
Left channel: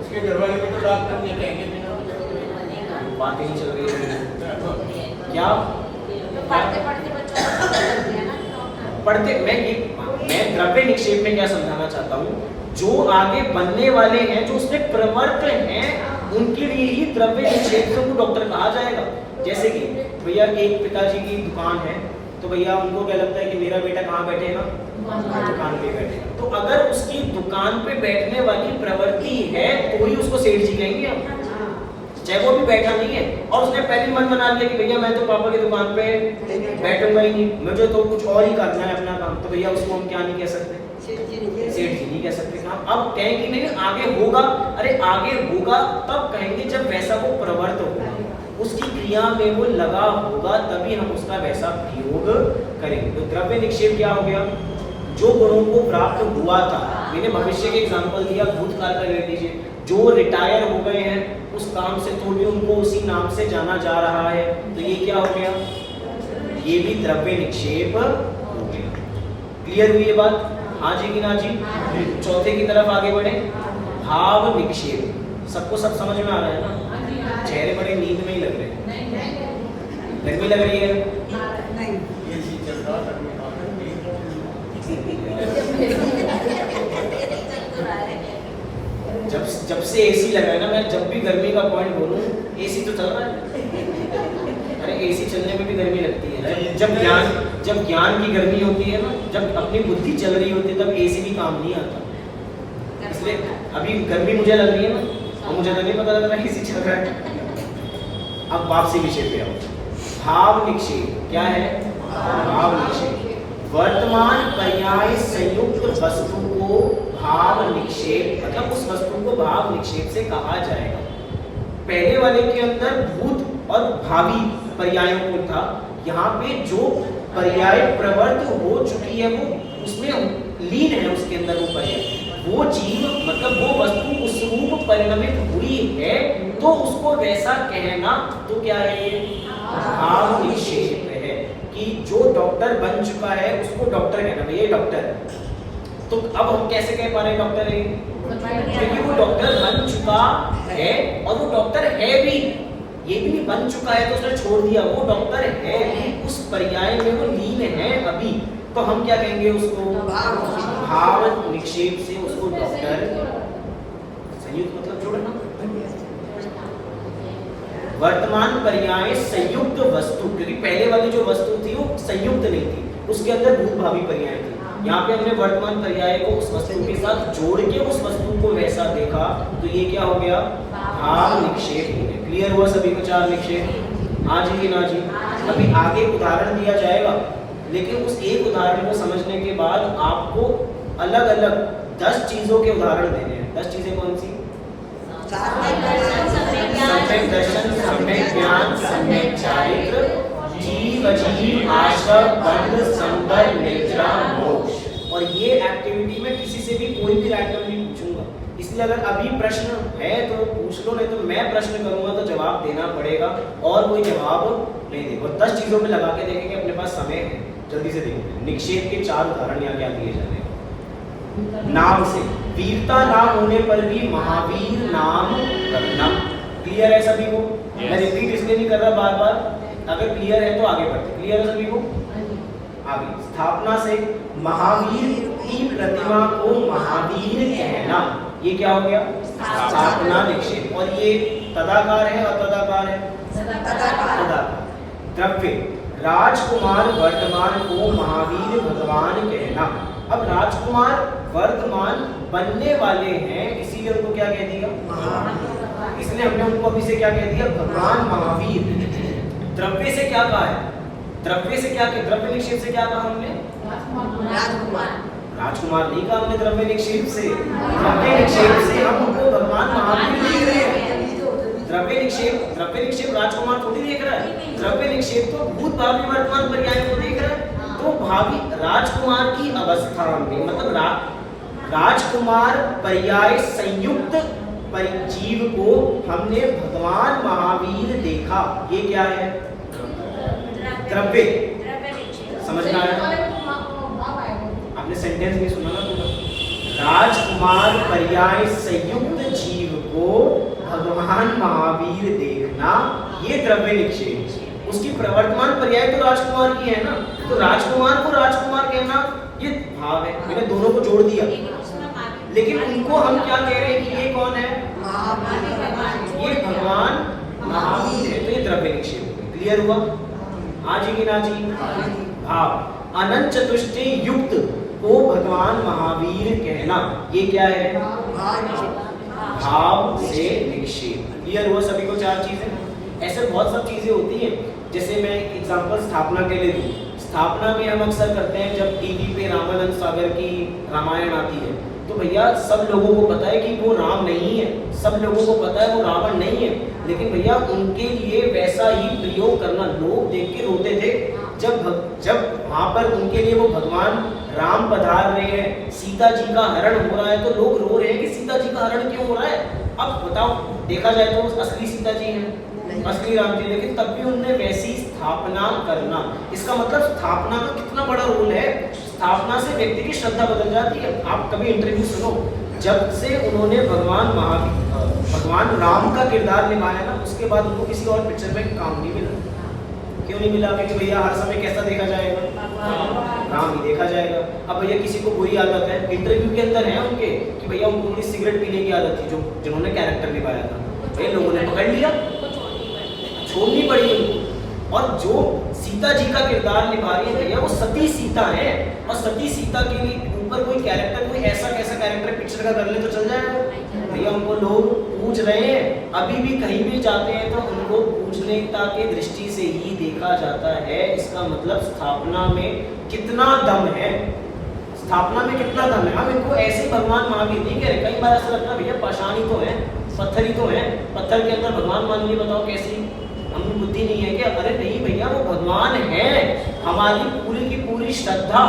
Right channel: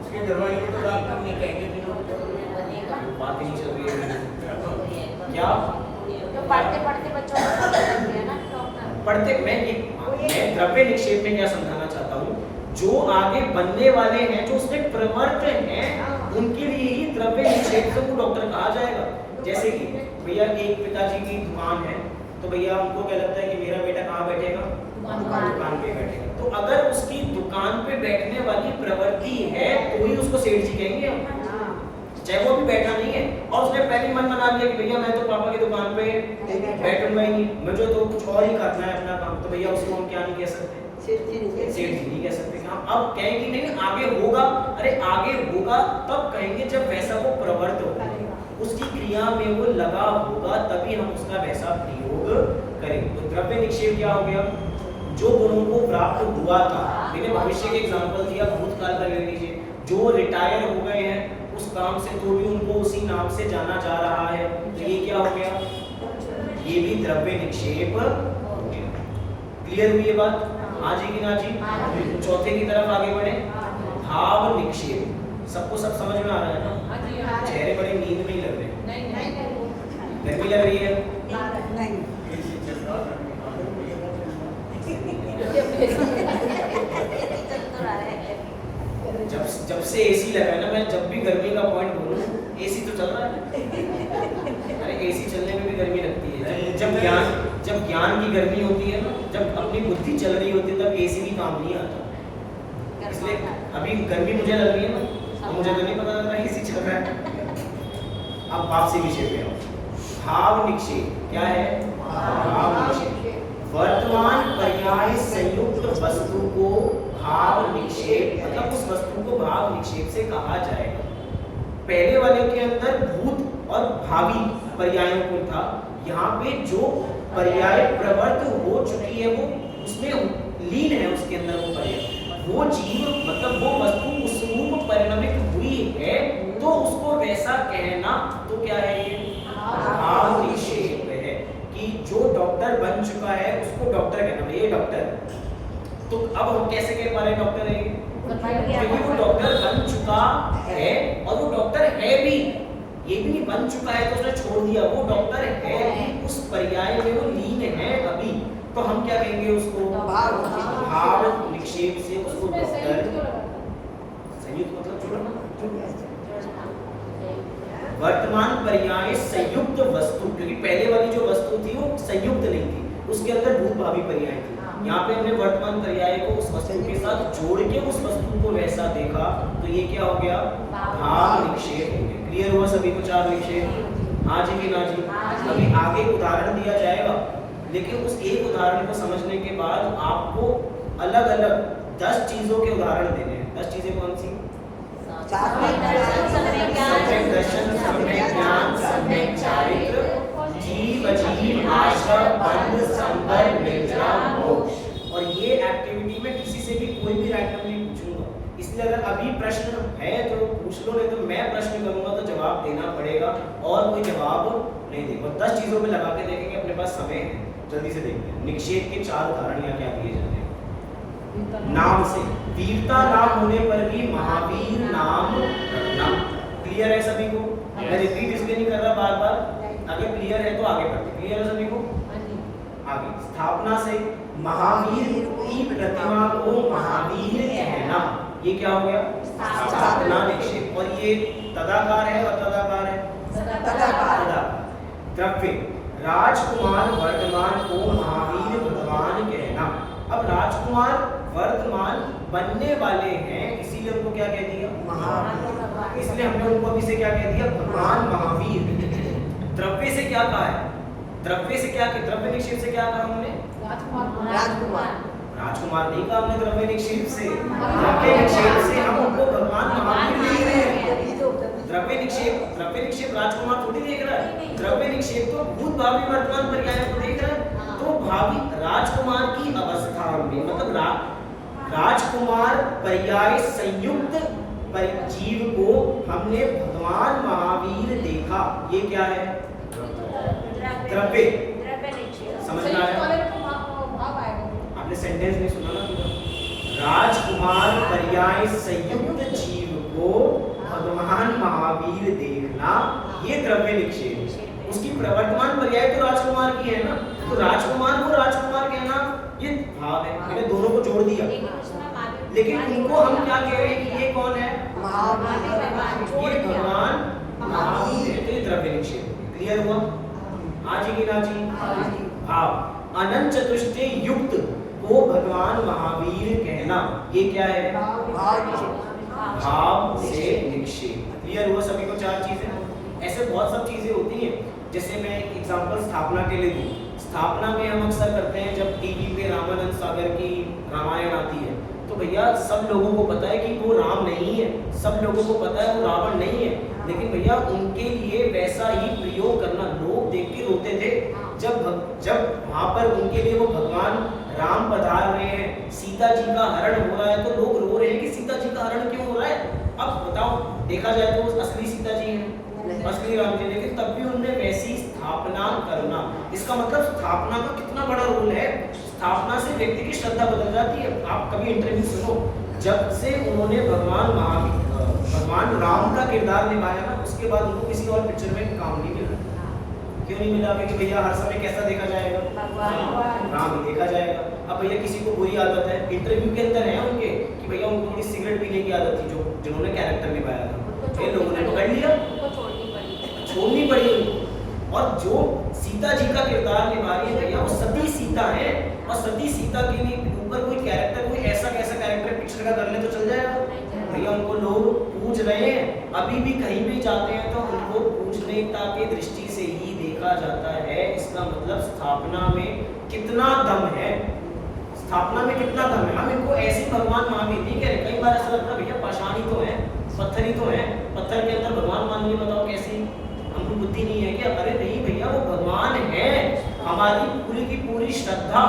इसके दरवाजे को तो डॉक्टर नहीं कहेंगे, बात ही नहीं चल रही है क्या? पढ़ते मैं द्रव्य निक्षेप में क्या समझाना चाहता हूँ, जो आगे बनने वाले हैं, जो उसमें प्रवृत्त हैं, उनके लिए ही द्रव्य निक्षेप से उनको डॉक्टर कहा जाएगा। जैसे कि भैया एक पिताजी की दुकान है, तो भैया उनको क्या लगता है कि मेरा बेटा कहाँ बैठेगा? दुकान पे बैठेगा। तो अगर उसकी दुकान पे बैठने वाली प्रवृत्ति है तो ही उसको सेठ जी कहेंगे हम, चाहे वो भी बैठा नहीं है और उसने पहले मन बना लिया कि भैया मैं तो पापा की दुकान पे बैठूंगा ही नहीं, मुझे तो कुछ और ही करना है अपना काम, तो भैया उसको हम क्या नहीं कह सकते? सेठ जी नहीं कह सकते। हम अब कहेंगे नहीं आगे होगा, अरे आगे होगा तब कहेंगे जब वैसा वो प्रवृत्त होगा, उसकी क्रिया में वो लगा होगा, तभी हम उसका वैसा प्रयोग करेंगे। तो द्रव्य निक्षेप क्या हो गया? जो गुणों को प्राप्त हुआ था, मैंने भविष्य के एग्जांपल दिया, भूतकाल का ले लीजिए, जो रिटायर हो गए हैं उस काम से तो भी उनको उसी नाम से जाना जा रहा है, तो ये क्या हो गया? ये भी द्रव्य निक्षेप हो गया। क्लियर हुई ये बात? हाँ जी कि ना जी? चौथे की तरफ आगे बढ़े, भाव निक्षेप। सबको सब समझ में आ रहा है ना? चेहरे बड़े नींद में ही लग रहे हैं, गर्मी लग रही है? नहीं। जब से एसी लगा है ना, मैं जब भी गर्मी का पॉइंट बोलूं, एसी तो चल रहा है। अरे एसी चलने में भी गर्मी लगती है। जब ज्ञान की गर्मी होती है ना, जब अपनी बुद्धि चल रही होती है, तब एसी भी काम नहीं आता। इसलिए अभी गर्मी मुझे लग रही है ना, और मुझे तो नहीं पता लग रहा है एसी चल रहा है। अब वापसी विषय पे आओ। भाव निक्षेप क्या है? भाव निक्षेप वर्तमान पर्याय संयुक्त वस्तु को भाव निक्षेप, मतलब उस वस्तु को भाव निक्षेप से कहा जाएगा। पहले वाले के अंदर भूत और भावी पर्यायों को था, यहाँ पे जो पर्याय प्रवृत्त हो चुकी है वो उसमें लीन है, उसके अंदर वो पर्याय, वो जीव मतलब वो वस्तु उस रूप परिणमित हुई है, तो उसको वैसा कहना तो क्या है? भाव निक्षेप है कि जो डॉक्टर बन चुका है उसको डॉक्टर कहना, ये डॉक्टर। तो अब हम कैसे कह पा रहे हैं डॉक्टर है? क्योंकि वो डॉक्टर बन चुका है, और वो डॉक्टर है भी, ये भी नहीं बन चुका है तो उसने छोड़ दिया, वो डॉक्टर है भी, उस पर्याय में वो लीन है अभी, तो हम क्या कहेंगे उसको? भाव निक्षेप से उसको डॉक्टर। संयुक्त मतलब जोड़ना। वर्तमान पर्याय संयुक्त वस्तु, क्योंकि पहले वाली जो वस्तु थी वो संयुक्त नहीं थी, उसके अंदर भूत भावी पर्याय थी। यहाँ पे हमने वर्तमान पर्याय को उस वस्तु के साथ जोड़ के उस वस्तु को वैसा देखा, तो ये क्या हो गया? भाव निक्षेप हो गया। क्लियर हुआ सभी को? चार निक्षेप। हाँ जी कि ना जी? अभी आगे उदाहरण दिया जाएगा, लेकिन उस एक उदाहरण को समझने के बाद आपको अलग अलग 10 चीजों के उदाहरण देने हैं। 10 चीजें कौन सी? सम्यक दर्शन, सम्यक ज्ञान, सम्यक चारित्र, जीव अजीव, आश्रय, बंध, संबंध, निद्रा, मोक्ष। और ये एक्टिविटी में किसी से भी कोई भी रैंडम नहीं पूछूंगा, इसलिए अगर अभी प्रश्न है तो वो पूछ लो, नहीं तो मैं प्रश्न करूंगा तो जवाब देना पड़ेगा, और कोई जवाब नहीं देगा। और 10 चीजों में लगा के देखेंगे, अपने पास समय है, जल्दी से देखेंगे। निक्षेप के 4 उदाहरण यहाँ क्या दिए जा रहे हैं। नाम से, वीरता नाम होने पर भी महावीर नाम रखना। क्लियर है सभी को? मैं रिपीट इसलिए नहीं कर रहा बार बार, अगर क्लियर है तो आगे बढ़ते। क्लियर है सभी को? आगे, स्थापना से महावीर की प्रतिमा को महावीर कहना, ये क्या हो गया? स्थापना निक्षेप। और ये तदाकार है और तदाकार है? तदाकार। द्रव्य, राजकुमार वर्तमान को महावीर भगवान कहना। अब राजकुमार वर्तमान बनने वाले हैं, इसीलिए उनको क्या कह दिया? इसलिए हमने उनको अभी से क्या कह दिया? भगवान महावीर। द्रव्य से क्या कहा है? द्रव्य से क्या कहा? द्रव्य निक्षेप से क्या कहा हमने? राजकुमार नहीं कहा हमने द्रव्य निक्षेप से। द्रव्य निक्षेप से हम उनको भगवान महावीर देख रहे हैं। द्रव्य निक्षेप राजकुमार थोड़ी देख रहा है। द्रव्य निक्षेप तो भूत भावी वर्तमान पर्याय को देख रहा है। तो भावी राजकुमार की अवस्था में, मतलब राजकुमार पर्याय संयुक्त जीव को हमने भगवान महावीर देखा। ये क्या है? द्रव्य। समझ में आया? आपने सेंटेंस नहीं सुना ना? राजकुमार पर्याय संयुक्त जीव को भगवान महावीर देखना, ये द्रव्य निक्षेप। उसकी प्रवर्तमान पर्याय तो राजकुमार की है ना, तो राजकुमार को राजकुमार कहना ये भाव है। मैंने दोनों को जोड़ दिया, लेकिन उनको हम क्या कह रहे हैं कि ये कौन है? ये भगवान महावीर है। तो ये द्रव्य निक्षेप। क्लियर हुआ? हाँ जी कि ना जी? भाव, अनंत चतुष्टय युक्त को भगवान महावीर कहना, ये क्या है? भाव से निक्षेप। क्लियर हुआ सभी को? चार चीजें। ऐसे बहुत सब चीजें होती हैं। जैसे मैं एग्जांपल स्थापना के लिए दूं, स्थापना में हम अक्सर करते हैं जब टीवी पे रामानंद सागर की रामायण आती है, तो भैया सब लोगों को पता है कि वो राम नहीं है, सब लोगों को पता है वो रावण नहीं है, लेकिन भैया उनके लिए वैसा ही प्रयोग करना, लोग देख के रोते थे जब वहां पर उनके लिए वो भगवान राम पधार रहे हैं, सीता जी का हरण हो रहा है, तो लोग रो रहे हैं कि सीता जी का हरण क्यों हो रहा है। अब बताओ, देखा जाए तो असली सीता जी है, असली राम जी, लेकिन तब भी उन्होंने वैसी स्थापना करना। इसका मतलब स्थापना का कितना बड़ा रोल है। स्थापना से व्यक्ति की श्रद्धा बदल जाती है। आप कभी इंटरव्यू सुनो, जब से उन्होंने भगवान राम का किरदार निभाया ना, उसके बाद उनको किसी और पिक्चर में काम नहीं मिला। क्यों नहीं मिला? क्योंकि भैया हर समय कैसा देखा जाएगा? राम ही देखा जाएगा। अब भैया किसी को बुरी आदत है, इंटरव्यू के अंदर है उनके कि भैया उनको सिगरेट पीने की आदत थी, जिन्होंने कैरेक्टर निभाया था, ये लोगों ने पकड़ लिया, छोड़नी पड़ी उनको। और जो सीता जी का किरदार निभा रही है भैया, वो सती सीता है, और सती सीता के ऊपर कोई कैरेक्टर, कोई ऐसा कैसा कैरेक्टर पिक्चर का कर ले तो चल जाएगा भैया। उनको लोग पूज रहे हैं, अभी भी कहीं भी जाते हैं तो उनको पूजनीयता की दृष्टि से ही देखा जाता है। इसका मतलब स्थापना में कितना दम है, स्थापना में कितना दम है। हम इनको ऐसे भगवान महावीर नहीं कह रहे। कई बार ऐसा लगता है भैया पाषाण ही तो है, पत्थर ही तो है, पत्थर के अंदर भगवान मान लिए, बताओ कैसी हमको बुद्धि नहीं है क्या? अरे नहीं भैया, वो भगवान है, हमारी पूरी की पूरी श्रद्धा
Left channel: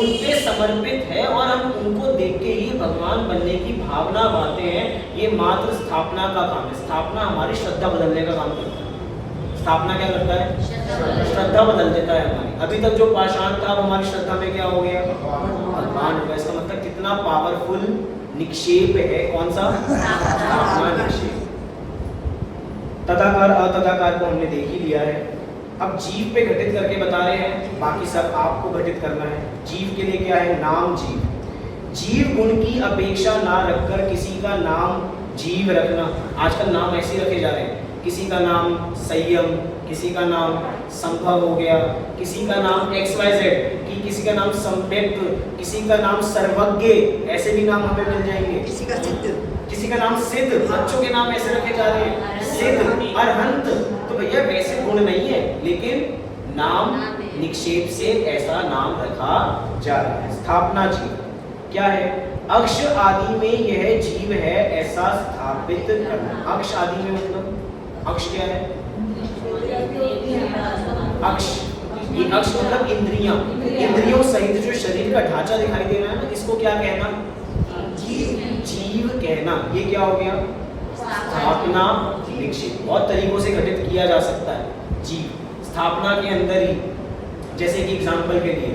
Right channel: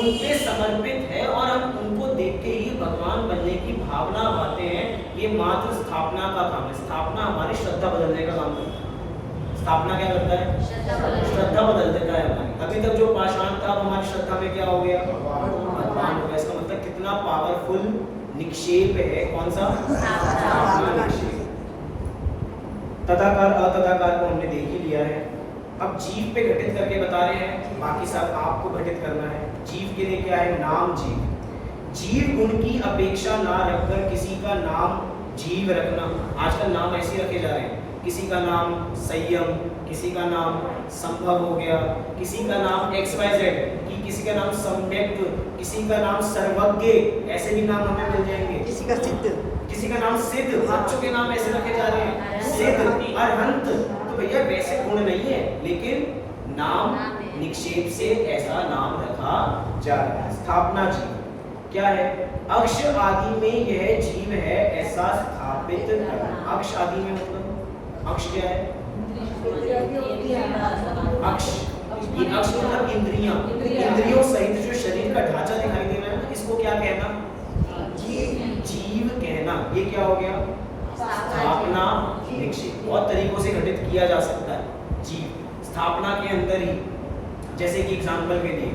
उनके समर्पित है, और हम उनको देख के ही भगवान बनने की भावना पाते हैं। ये मात्र स्थापना का काम है। स्थापना हमारी श्रद्धा बदलने का काम करता है। स्थापना क्या करता है? श्रद्धा बदल देता है हमारी। अभी तक जो पाषाण था वो हमारी श्रद्धा में क्या हो गया? भगवान हो गया। इसका मतलब कितना पावरफुल निक्षेप है। कौन सा? स्थापना निक्षेप। तदाकार अतदाकार को हमने देख ही लिया है। अब जीव पे घटित करके बता रहे हैं, बाकी सब आपको घटित करना है। जीव के लिए क्या है? नाम जीव। जीव गुण की अपेक्षा ना रखकर किसी का नाम जीव रखना। आजकल नाम ऐसे रखे जा रहे हैं, किसी का नाम संयम, किसी का नाम संभव हो गया, किसी का नाम XYZ, किसी का नाम सम्यक, किसी का नाम सर्वज्ञ, ऐसे भी नाम हमें मिल जाएंगे। किसी का नाम सिद्ध, बच्चों के नाम ऐसे रखे जा रहे हैं, सिद्ध, अरहंत। तो भैया वैसे गुण नहीं है, लेकिन नाम निक्षेप से ऐसा नाम रखा जा रहा है। स्थापना जीव क्या है? अक्ष आदि में यह जीव है ऐसा स्थापित करना। अक्ष आदि में मतलब अक्ष क्या है? अक्ष, ये अक्ष मतलब इंद्रियां, इंद्रियों सहित जो शरीर का ढांचा दिखाई दे रहा है ना, इसको क्या कहना? जीव कहना। ये क्या हो गया? स्थापना निक्षेप। बहुत तरीकों से घटित किया जा सकता है जीव स्थापना के अंदर ही। जैसे कि एग्जाम्पल के लिए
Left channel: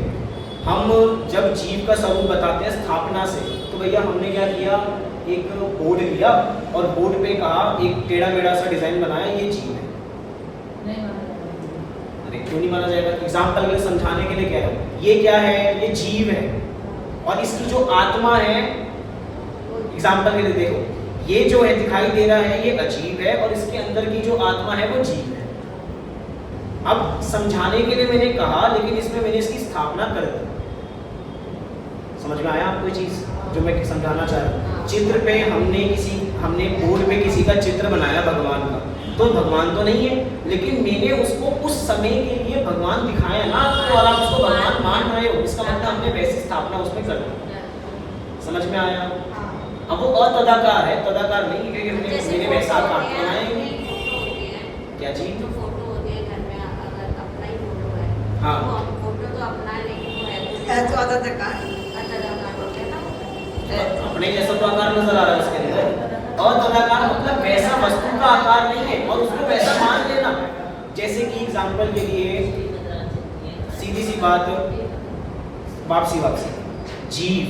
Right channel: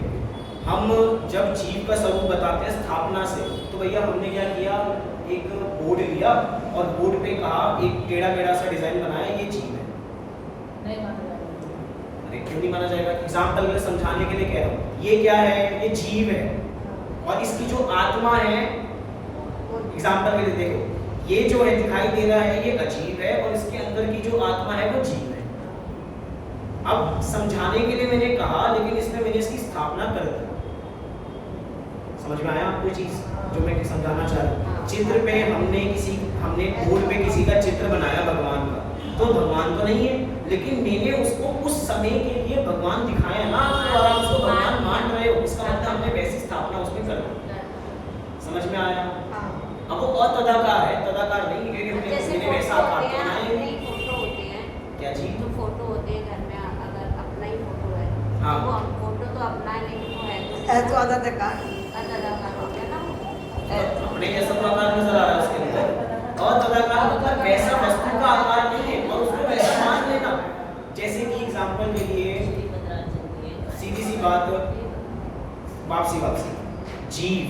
हम जब जीव का स्वरूप बताते हैं स्थापना से, तो भैया हमने क्या किया, एक बोर्ड लिया और बोर्ड पे कहा, एक टेढ़ा मेढ़ा सा डिजाइन बनाया, ये जीव है। अरे क्यों नहीं माना जाएगा? एग्जाम्पल के समझाने के लिए कह रहा हूँ, ये क्या है, ये जीव है, और इसकी जो आत्मा है, एग्जाम्पल के लिए देखो, ये जो है दिखाई दे रहा है, ये अजीब है, और इसके अंदर की जो आत्मा है वो जीव है। अब समझाने के लिए मैंने कहा, लेकिन इसमें मैंने इसकी स्थापना कर दी। समझ में आया आपको चीज जो मैं समझाना चाह रहा हूँ? चित्र पे हमने बोर्ड पे किसी का चित्र बनाया भगवान का, तो भगवान तो नहीं है, लेकिन मैंने उसको उस समय के लिए भगवान दिखाया ना आपको, और आप उसको भगवान मान रहे हो, इसका मतलब हमने वैसी स्थापना उसमें कर दी। समझ में आया? अब वो अतदाकार है, तदाकार नहीं, क्योंकि मैंने वैसा आकार बनाया। क्या जी? हाँ, तो अतदाकार अपने जैसा तो आकार नजर आ रहा है उसके अंदर। और तदाकार मतलब वैसा वस्तु का आकार नहीं है, और उसको वैसा मान लेना। जैसे कि एग्जांपल के लिए सीधी सी बात, वापसी जीव,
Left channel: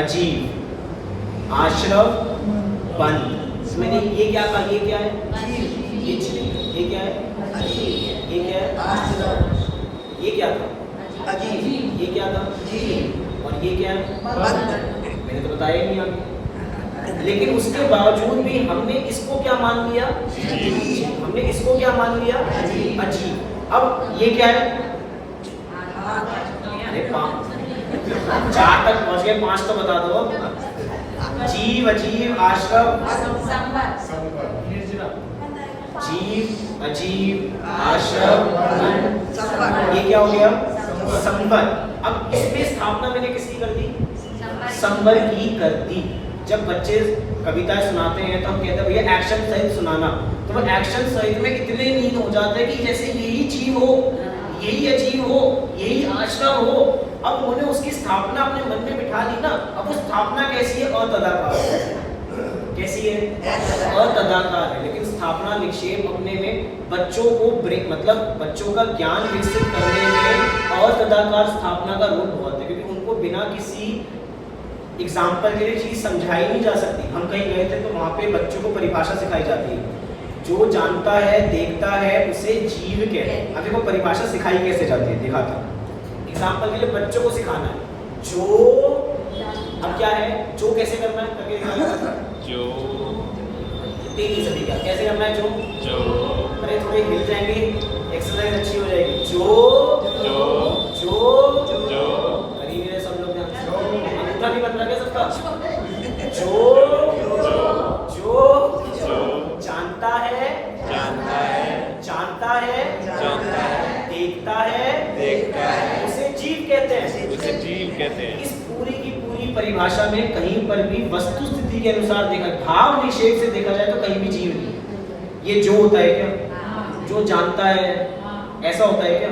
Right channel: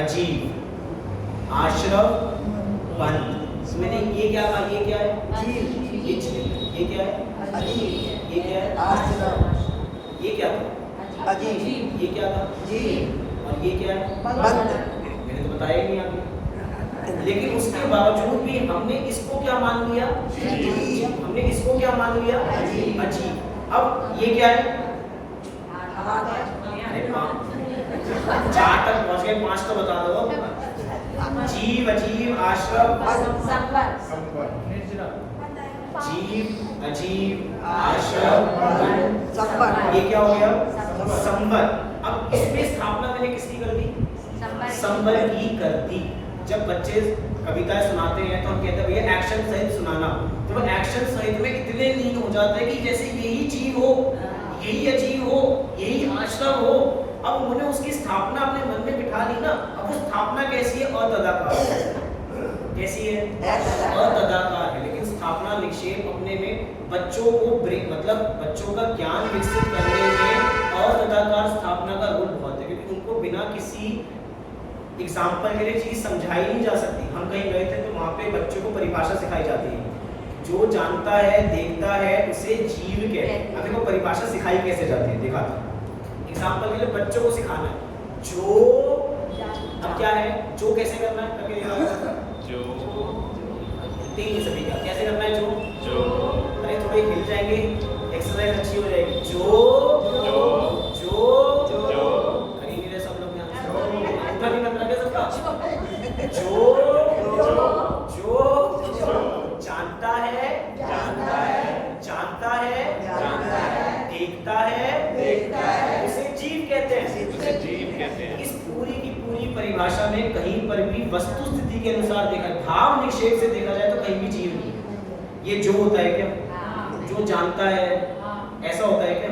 अजीब, आश्रव, बंद, मैंने ये क्या कहा, ये क्या है, ये जीव, ये क्या है, ये क्या है, आश्रव, ये क्या था, अजीब, ये क्या था, जीव, और ये क्या है, मैंने तो बताया ही नहीं आगे। लेकिन उसके बावजूद भी हमने इसको क्या मान लिया, हमने इसको क्या मान लिया, अजीब। अब ये क्या है, अरे 4 तक पहुंच गए, 5 तो बता दो। जीव, अजीब, आश्रव, जीव, अजीब, आश्रव, ये क्या हो गया, संवर। अब इसमें स्थापना मैंने किसकी कर दी, संवर की कर दी। जब बच्चे कविता सुनाते हैं तो हम कहते हैं भैया एक्शन सहित सुनाना, तो वो एक्शन सहित में इतने लीन हो जाते हैं कि जैसे यही जीव हो, यही अजीब हो, यही आश्रम हो। अब उन्होंने उसकी स्थापना अपने मन में बिठा ली ना। अब वो स्थापना कैसी है, अतदाकार, कैसी है, अतदाकार है। लेकिन स्थापना निक्षेप अपने में बच्चों को ब्रेक, मतलब बच्चों का ज्ञान विकसित करने में अतदाकार स्थापना का रोल बहुत है, क्योंकि उनको बिना किसी एग्जाम्पल के लिए चीज समझाई नहीं जा सकती। हम कहीं गए थे तो वहाँ पे बच्चों को परिभाषा सिखाई जाती है, जो जानता है, देखता है, उसे जीव कहते हैं। अब देखो परिभाषा सिखाई कैसे जाती है, दिखाता हूँ। एग्जाम्पल के लिए बच्चों को सिखाना है, जो, अब क्या है, जो कैसे करना है, जो तेजी से दिखा कैसे करना है, जो अरे थोड़े मिल जाएंगे, एक्सरसाइज अच्छी हो जाएगी। जो गरीब है सब लोग, अंतर नहीं बन रहा क्या सबका? जो जानता है, देखता है, उसे जीव कहते हैं। इस पूरी की पूरी परिभाषा में कहीं पर भी वस्तु स्थिति के अनुसार देखा, भाव निषेध से देखा जाए तो कहीं भी जीव नहीं। ये जो होता है क्या, जो जानता है, ऐसा होता है क्या?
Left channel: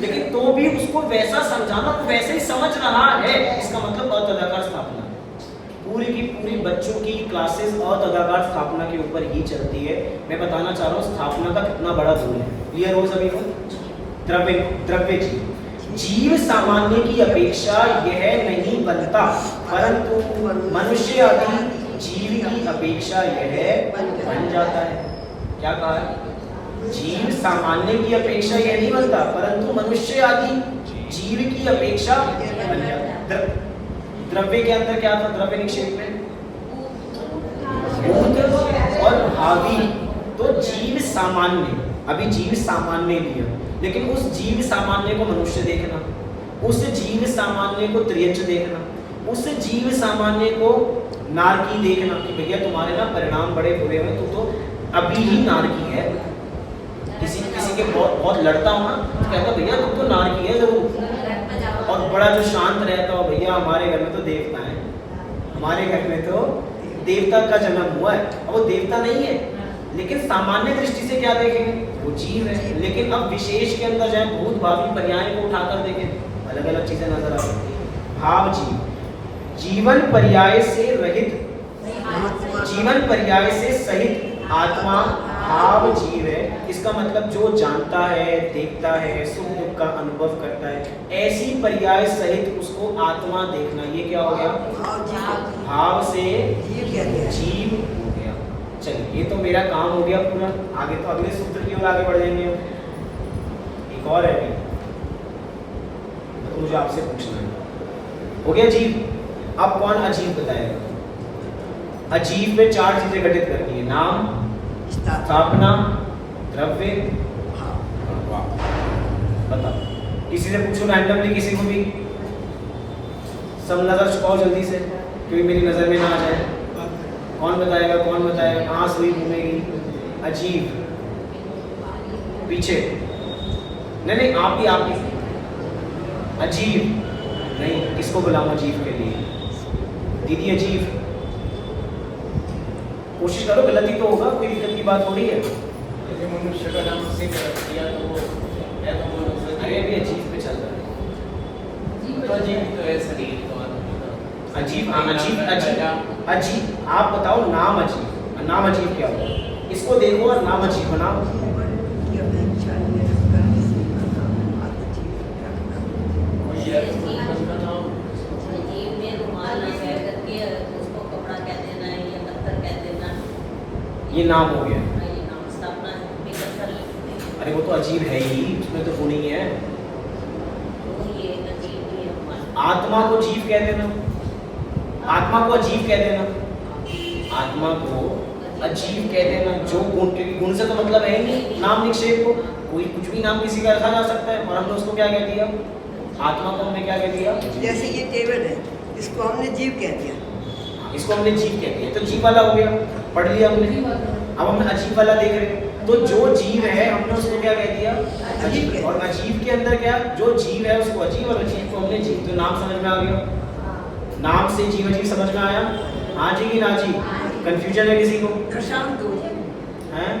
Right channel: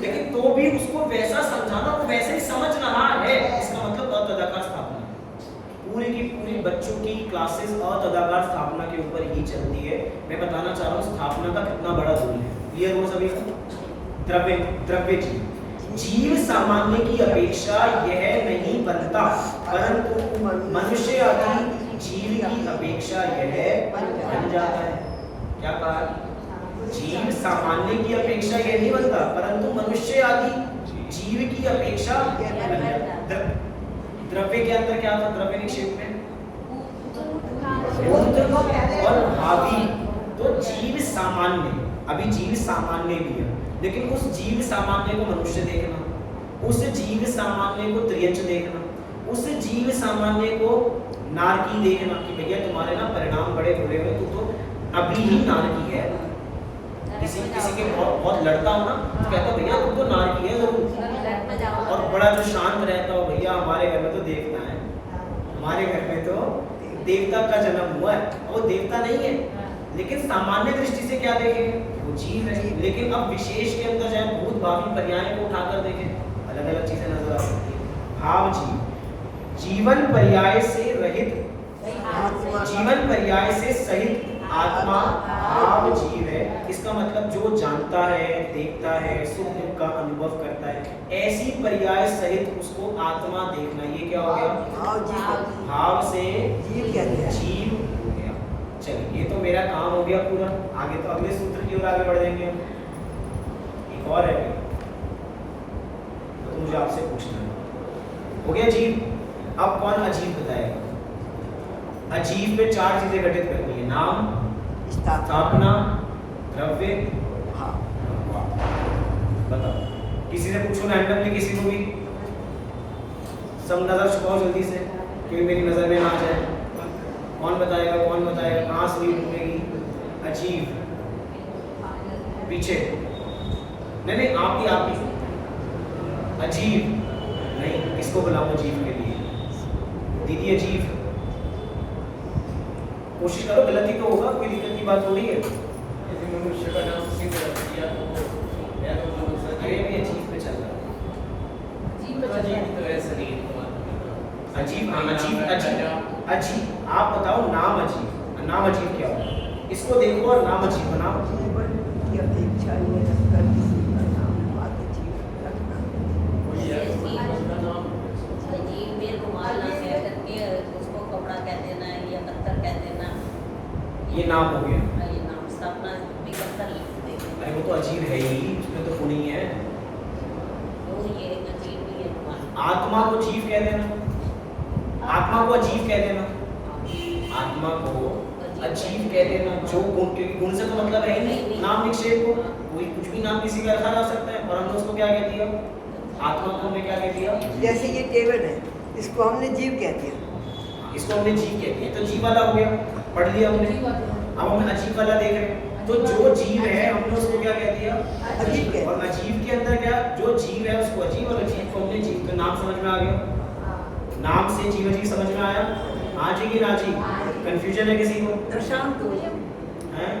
लेकिन तो भी उसको वैसा समझाना, तो वैसे ही समझ रहा है, इसका मतलब अतदाकार स्थापना। पूरी की पूरी बच्चों की क्लासेस अतदाकार स्थापना के ऊपर ही चलती है। मैं बताना चाह रहा हूँ स्थापना का कितना बड़ा रोल है। क्लियर हो सभी को? द्रव्य जीव सामान्य की अपेक्षा यह नहीं बनता, परंतु मनुष्य आदि जीव की अपेक्षा यह बन जाता है। क्या कहा? जीव सामान्य की अपेक्षा यह नहीं बनता, परंतु मनुष्य आदि जीव की अपेक्षा बन जाता है। द्रव्य के अंदर क्या था? द्रव्य निक्षेप में भूत और भावी। तो जीव सामान्य, अभी जीव सामान्य लिया, लेकिन उस जीव सामान्य को मनुष्य देखना, उस जीव सामान्य को त्रियंच देखना, उस जीव सामान्य को नारकी देखना कि भैया तुम्हारे ना परिणाम बड़े बुरे हुए, तू तो अभी ही नारकी है। किसी के बहुत लड़ता हो ना, तो कहता भैया तू तो नारकी है जरूर। और बड़ा जो शांत रहता हो, भैया हमारे घर में तो देवता है, हमारे घर में तो देवता का जन्म हुआ है। और वो देवता नहीं है, लेकिन सामान्य दृष्टि से क्या देखेंगे? वो जीव है। लेकिन अब विशेष के अंदर जाए, भूत भावी पर्याय को उठाकर देखें, अलग अलग चीजें नजर आ रही है। भाव जीव, जीवन पर्याय से रहित, जीवन पर्याय से सहित आत्मा भाव जीव है। इसका मतलब जो जानता है, देखता है, सुख दुख का अनुभव करता है, ऐसी पर्याय सहित उसको आत्मा देखना। ये क्या हो गया? भाव से जीव हो गया। चलिए ये तो मेरा काम हो गया पूरा। आगे तो अगले सूत्र की ओर आगे बढ़ जाएंगे हम। एक और है तो मुझे आपसे पूछना है, हो गया जीव। अब कौन अजीव बताएगा? अजीव में 4 चीजें घटित करनी है, नाम, स्थापना, द्रव्य और वाप। बताओ, किसी से पूछो रैंडमली, किसी को भी। सब नजर छुपाओ जल्दी से, क्योंकि मेरी नजर में ना आ जाए। कौन बताएगा? कौन बताएगा? कहाँ सुई घूमेगी? अजीब पीछे नहीं, आप ही अजीब नहीं, किसको बुलाऊं अजीब के लिए? दीदी अजीब, कोशिश करो, गलती तो होगा, कोई दिक्कत की बात हो रही है? मनुष्य का नाम से कर दिया तो या तो मनुष्य अरे भी अजीब पे चल रहा है। अजीब तो है शरीर तो अजीब अजीब आप बताओ। नाम अजीब, नाम अजीब क्या हो? इसको देखो और नाम अजीब बनाओ। ये नाम हो गया। अरे वो तो अजीब है ही, उसमें तो वो नहीं है। आत्मा को जीव कह देना, आत्मा को अजीब कह देना, आत्मा को अजीब कह देना। जो गुण, क्योंकि गुण से तो मतलब है ही नहीं नाम निक्षेप को। कोई कुछ भी नाम किसी का रखा जा सकता है, और हमने उसको क्या कह दिया? आत्मा को हमने क्या कह दिया? जैसे ये टेबल है, इसको हमने जीव कह दिया। इसको हमने जीव कह दिया, तो जीव वाला हो गया, पढ़ लिया हमने। अब हम अजीब वाला देख रहे हैं, तो जो जीव है हमने उसको क्या कह दिया? अजीब। और अजीब के अंदर क्या? जो जीव है उसको अजीब, और अजीब को हमने जीव। तो नाम समझ में आ गया। नाम से जीव अजीब समझ में आया? हाँ जी कि ना जी? कंफ्यूजन है किसी को? दृष्टांत दो। हैं?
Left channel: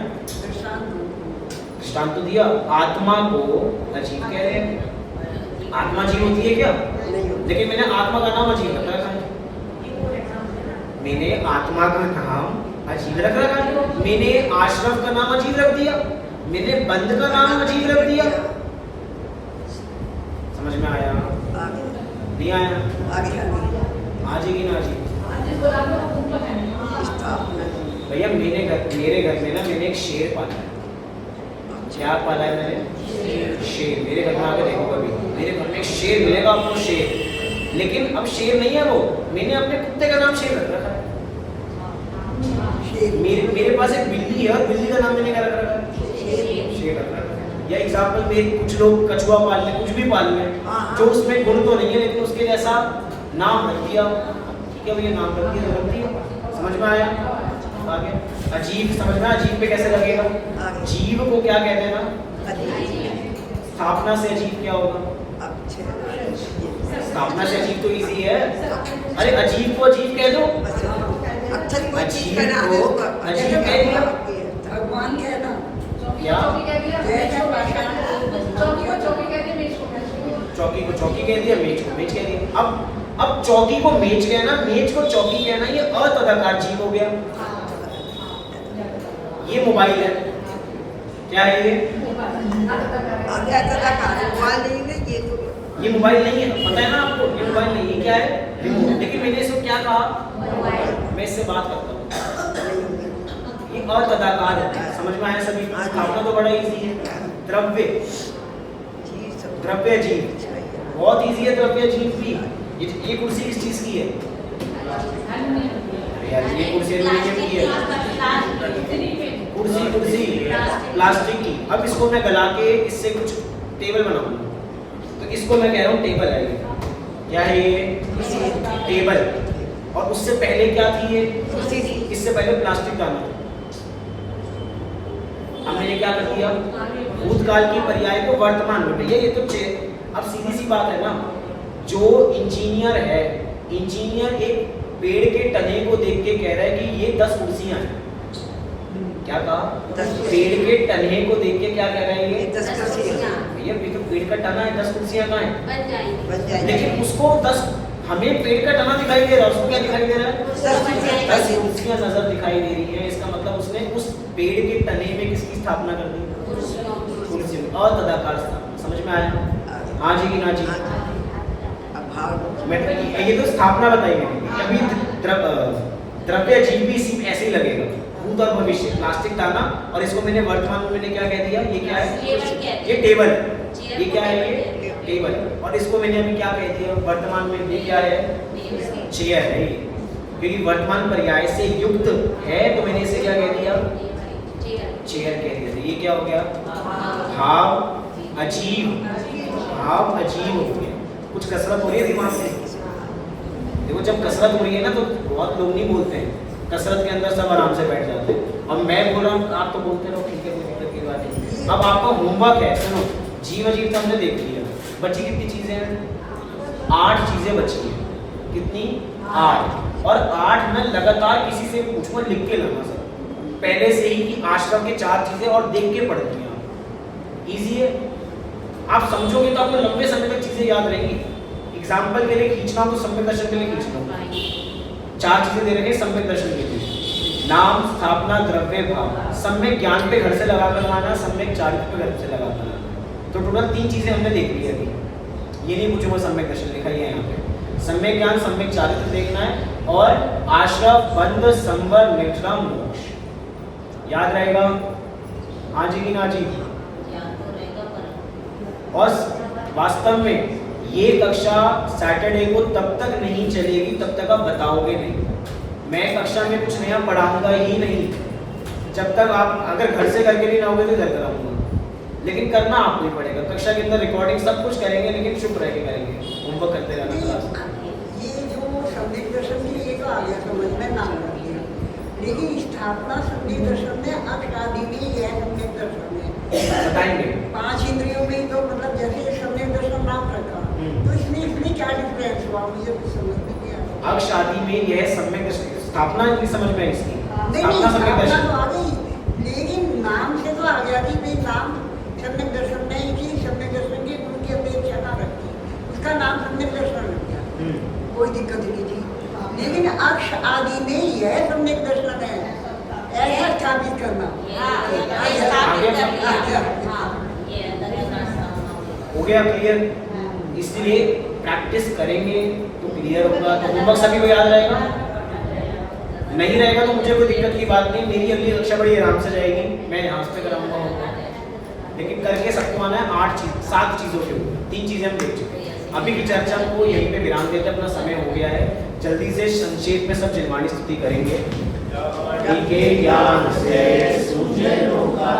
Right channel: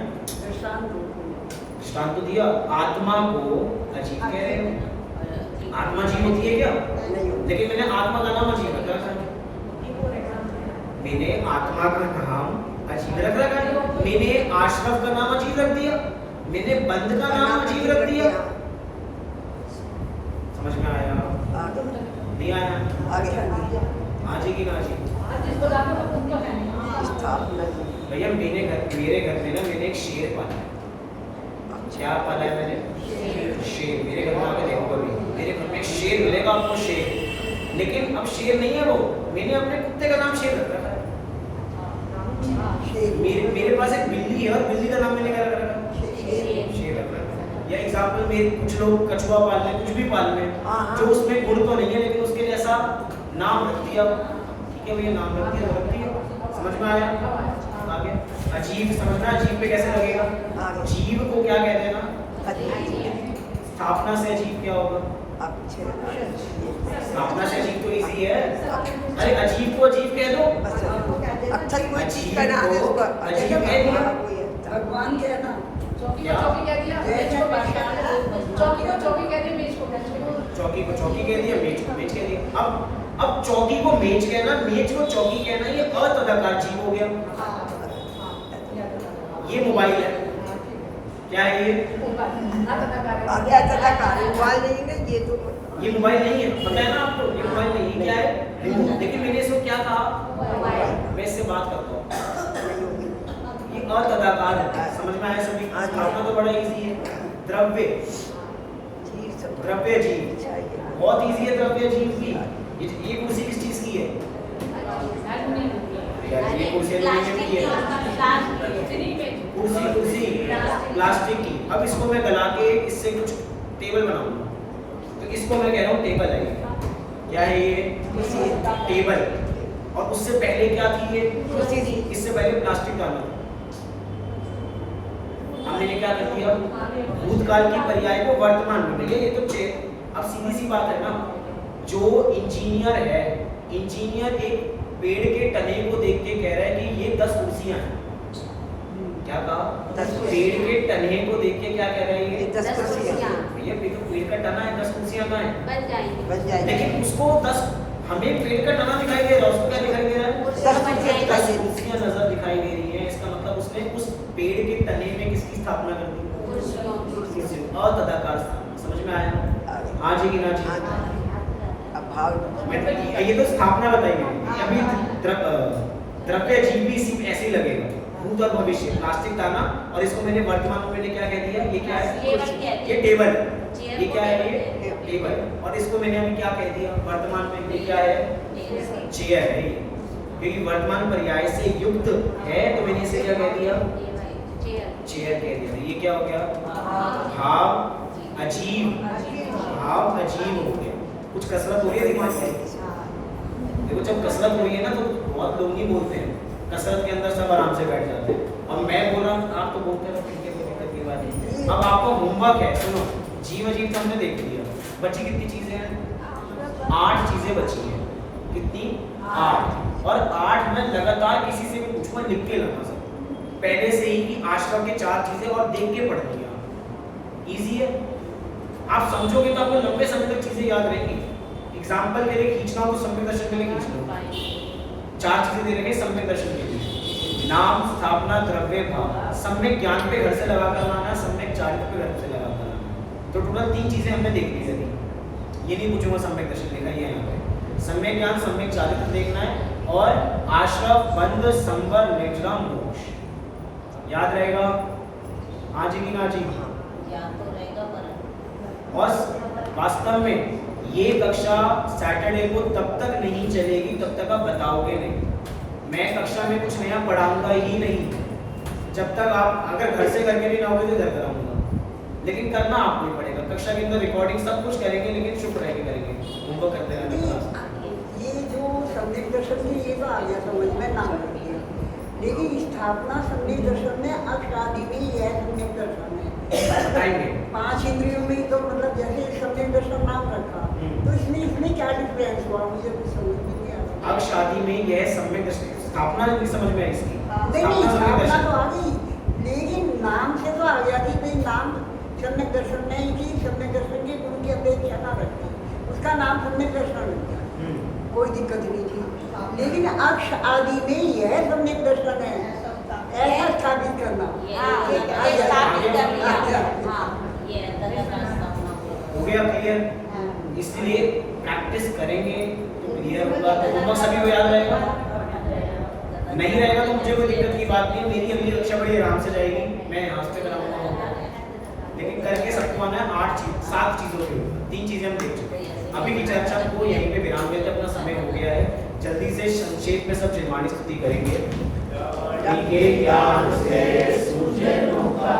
दृष्टांत तो दिया। आत्मा को अजीब कह रहे हैं। आत्मा जीव होती है क्या? लेकिन मैंने आत्मा का नाम अजीब रखा है। मैंने आत्मा का नाम अजीब रख रखा है। मैंने आशरफ का नाम अजीब रख दिया। मैंने बंद का नाम अजीब रख दिया। समझ में आया? नहीं आया? आज की ना जी? भैया मेरे घर में ना मैंने एक शेर पाला है। क्या पाला है मैंने? शेर। मेरे घर में आकर देखो कभी, मेरे घर में शेर मिलेगा आपको, शेर। लेकिन अब शेर नहीं है वो, मैंने अपने कुत्ते का नाम शेर रख रखा है। मेरे पास एक बिल्ली है, और बिल्ली का नाम मैंने क्या रख रखा है? शेर रख रखा है। या एग्जाम्पल में कुछ लोग कछुआ पाल रहे हैं, कुछ भी पाल रहे हैं, जो उसमें गुण तो नहीं है, लेकिन उसके जैसा नाम रख दिया। ठीक है भैया, नाम रख दिया। समझ में आया? आगे अजीब समझ में? अजीब पे कैसे लगेगा? जीव को क्या कहते हैं ना? स्थापना से अजीब क्या होगा? स्थापना से अजीब तो इजी है। अरे अजीब को अजीब कह दो। अजीब को अजीब कह दिया। भगवान कहना क्या? चौकी को चौकी कह दिया, मेज को मेज कह दिया। अब चौकी को मेज कहना, मेज को चौकी कहना, ये अतदाकार जीव हो गया। ये मोबाइल है, क्या है ये? ये मोबाइल नहीं है, पता है ना आपको? ये मोबाइल नहीं है, क्या है? रिमोट। लेकिन मैंने इसको क्या कहा? मैं इससे बात करता हूँ। ये अतदाकार है। समझ में आया सभी? आपका तो बड़ा इजी है। द्रव्य, द्रव्य जीव बहुत इजी है। द्रव्य जीव भी। ये कुर्सी किस चीज की है यार? ये कुर्सी की है, कुर्सी प्लास्टिक की। अब इसको मैं गला के इससे कुछ टेबल बनाऊंगा, तो इसको मैं कह रहा हूँ टेबल है। क्या है ये? टेबल। और उससे पहले क्या थी ये? इससे पहले प्लास्टिक डालना था। अब मैंने क्या कर दिया? भूतकाल की पर्याय को वर्तमान में भैया ये तो अब सीधी सी बात है ना। जो इंजीनियर है, इंजीनियर एक पेड़ के तने को देख के कह रहा है कि ये 10 कुर्सियां हैं। क्या कहा? पेड़ के तने को देख के क्या कह रहा है? ये 10 कुर्सियां। भैया ये तो पेड़ का तना है, 10 कुर्सियां कहाँ है? लेकिन उसको 10, हमें पेड़ का तना दिखाई दे रहा है, उसको क्या दिखाई दे रहा है? 10 कुर्सियां नजर दिखाई दे रही है। इसका मतलब उसने उस पेड़ के तने में किसकी स्थापना कर दी? अतदाकार स्थापना। समझ में आया? हाँ जी कि ना जी? ये तो स्थापना बताई मैंने। अभी द्रव्य जीव भी इसी में ऐसे ही लगेगा। भूत और भविष्य प्लास्टिक था ना, और इसको मैंने वर्तमान में मैंने क्या कह दिया? ये क्या है? ये टेबल। ये क्या है? ये टेबल। और इसको मैंने अभी क्या कह दिया? वर्तमान में ये क्या है? चेयर है। क्योंकि वर्तमान पर्याय से युक्त है तो मैंने इसे क्या कह दिया? चेयर कह दिया। ये क्या हो गया? भाव अजीब। भाव अजीब हो गया। कुछ कसरत हो रही है दिमाग में। देखो जब कसरत हो रही है ना तो बहुत लोग नहीं बोलते हैं, कसरत के अंदर सब आराम से बैठ जाते हैं। अब मैं बोल रहा हूँ आप तो बोलते रहो, ठीक है, कोई दिक्कत की बात नहीं। अब आपका होमवर्क है, सुनो, जीव अजीब से हमने देख लिया। बची कितनी चीजें हैं? 8 चीजें बची हैं। कितनी? 8। और 8 में लगातार किसी से पूछो, लिख के लाना सब पहले से ही कि आश्रम के 4 चीजें और देख के पढ़ लिया। इजी है, आप समझोगे तो आपको लंबे समय तक चीजें याद रहेंगी। एग्जाम्पल के लिए खींचना हो, सम्यक दर्शन के लिए खींचना हो। 4 चीजें दे रखे सम्यक दर्शन के लिए: नाम, स्थापना, द्रव्य, भाव। सम्यक ज्ञान पे घर से लगाकर आना, सम्यक चारित्र पे घर से लगाकर आना। तो टोटल 3 चीजें हमने देख ली अभी। ये नहीं पूछूंगा सम्यक दर्शन लिखा ही है यहाँ पे। सम्यक ज्ञान, सम्यक चारित्र देखना है, और आश्रव, बंध, संवर, निद्रा, मोक्ष। याद रहेगा? हाँ जी कि ना जी? और वास्तव में ये कक्षा सैटरडे को तब तक नहीं चलेगी तब तक आप बताओगे नहीं। मैं कक्षा में कुछ नया पढ़ाऊंगा ही नहीं जब तक आप अगर घर से करके नहीं लाओगे तो इधर कराऊंगा। लेकिन करना आपको ही पड़ेगा। कक्षा के अंदर रिकॉर्डिंग सब कुछ करेंगे, लेकिन चुप रह के करेंगे, होमवर्क करते रहेंगे। ये जो सम्यक दर्शन में ये तो आ गया समझ में, नाम रख दिया। लेकिन स्थापना सम्यक दर्शन में अक्ष आदि में ही है। सम्यक दर्शन में बताएंगे 5 इंद्रियों में तो मतलब जैसे सम्यक दर्शन नाम रखा, तो इसमें क्या डिफरेंस हुआ? मुझे कुछ समझ में नहीं आया। अक्ष आदि में यह सम्यक दर्शन, स्थापना नहीं समझ में आई इसकी। नहीं, स्थापना तो आ गई, लेकिन नाम से तो आ गया कि भाई नाम सम्यक दर्शन नहीं की, सम्यक दर्शन की गुण की अपेक्षा ना रखती, उसका नाम सम्यक दर्शन लग गया, कोई दिक्कत नहीं थी। लेकिन अक्ष आदि में ही है सम्यक दर्शन है, ऐसा स्थापित करना हो गया क्लियर? इसलिए प्रैक्टिस करेंगे तो क्लियर होगा। तो होमवर्क सभी को याद रहेगा? नहीं रहेगा तो मुझे कोई दिक्कत की बात नहीं, मेरी अगली कक्षा बड़ी आराम से जाएगी, मैं यहाँ से कराऊंगा होमवर्क। लेकिन करके सबको आना है 7 चीज़ों पे। 3 चीज़ें हम देख चुके हैं। अभी की चर्चा को यहीं पे विराम देते अपना समय हो गया है। जल्दी से संक्षेप में सब निर्माणी स्तुति करेंगे। ज्ञान से सूझे लोका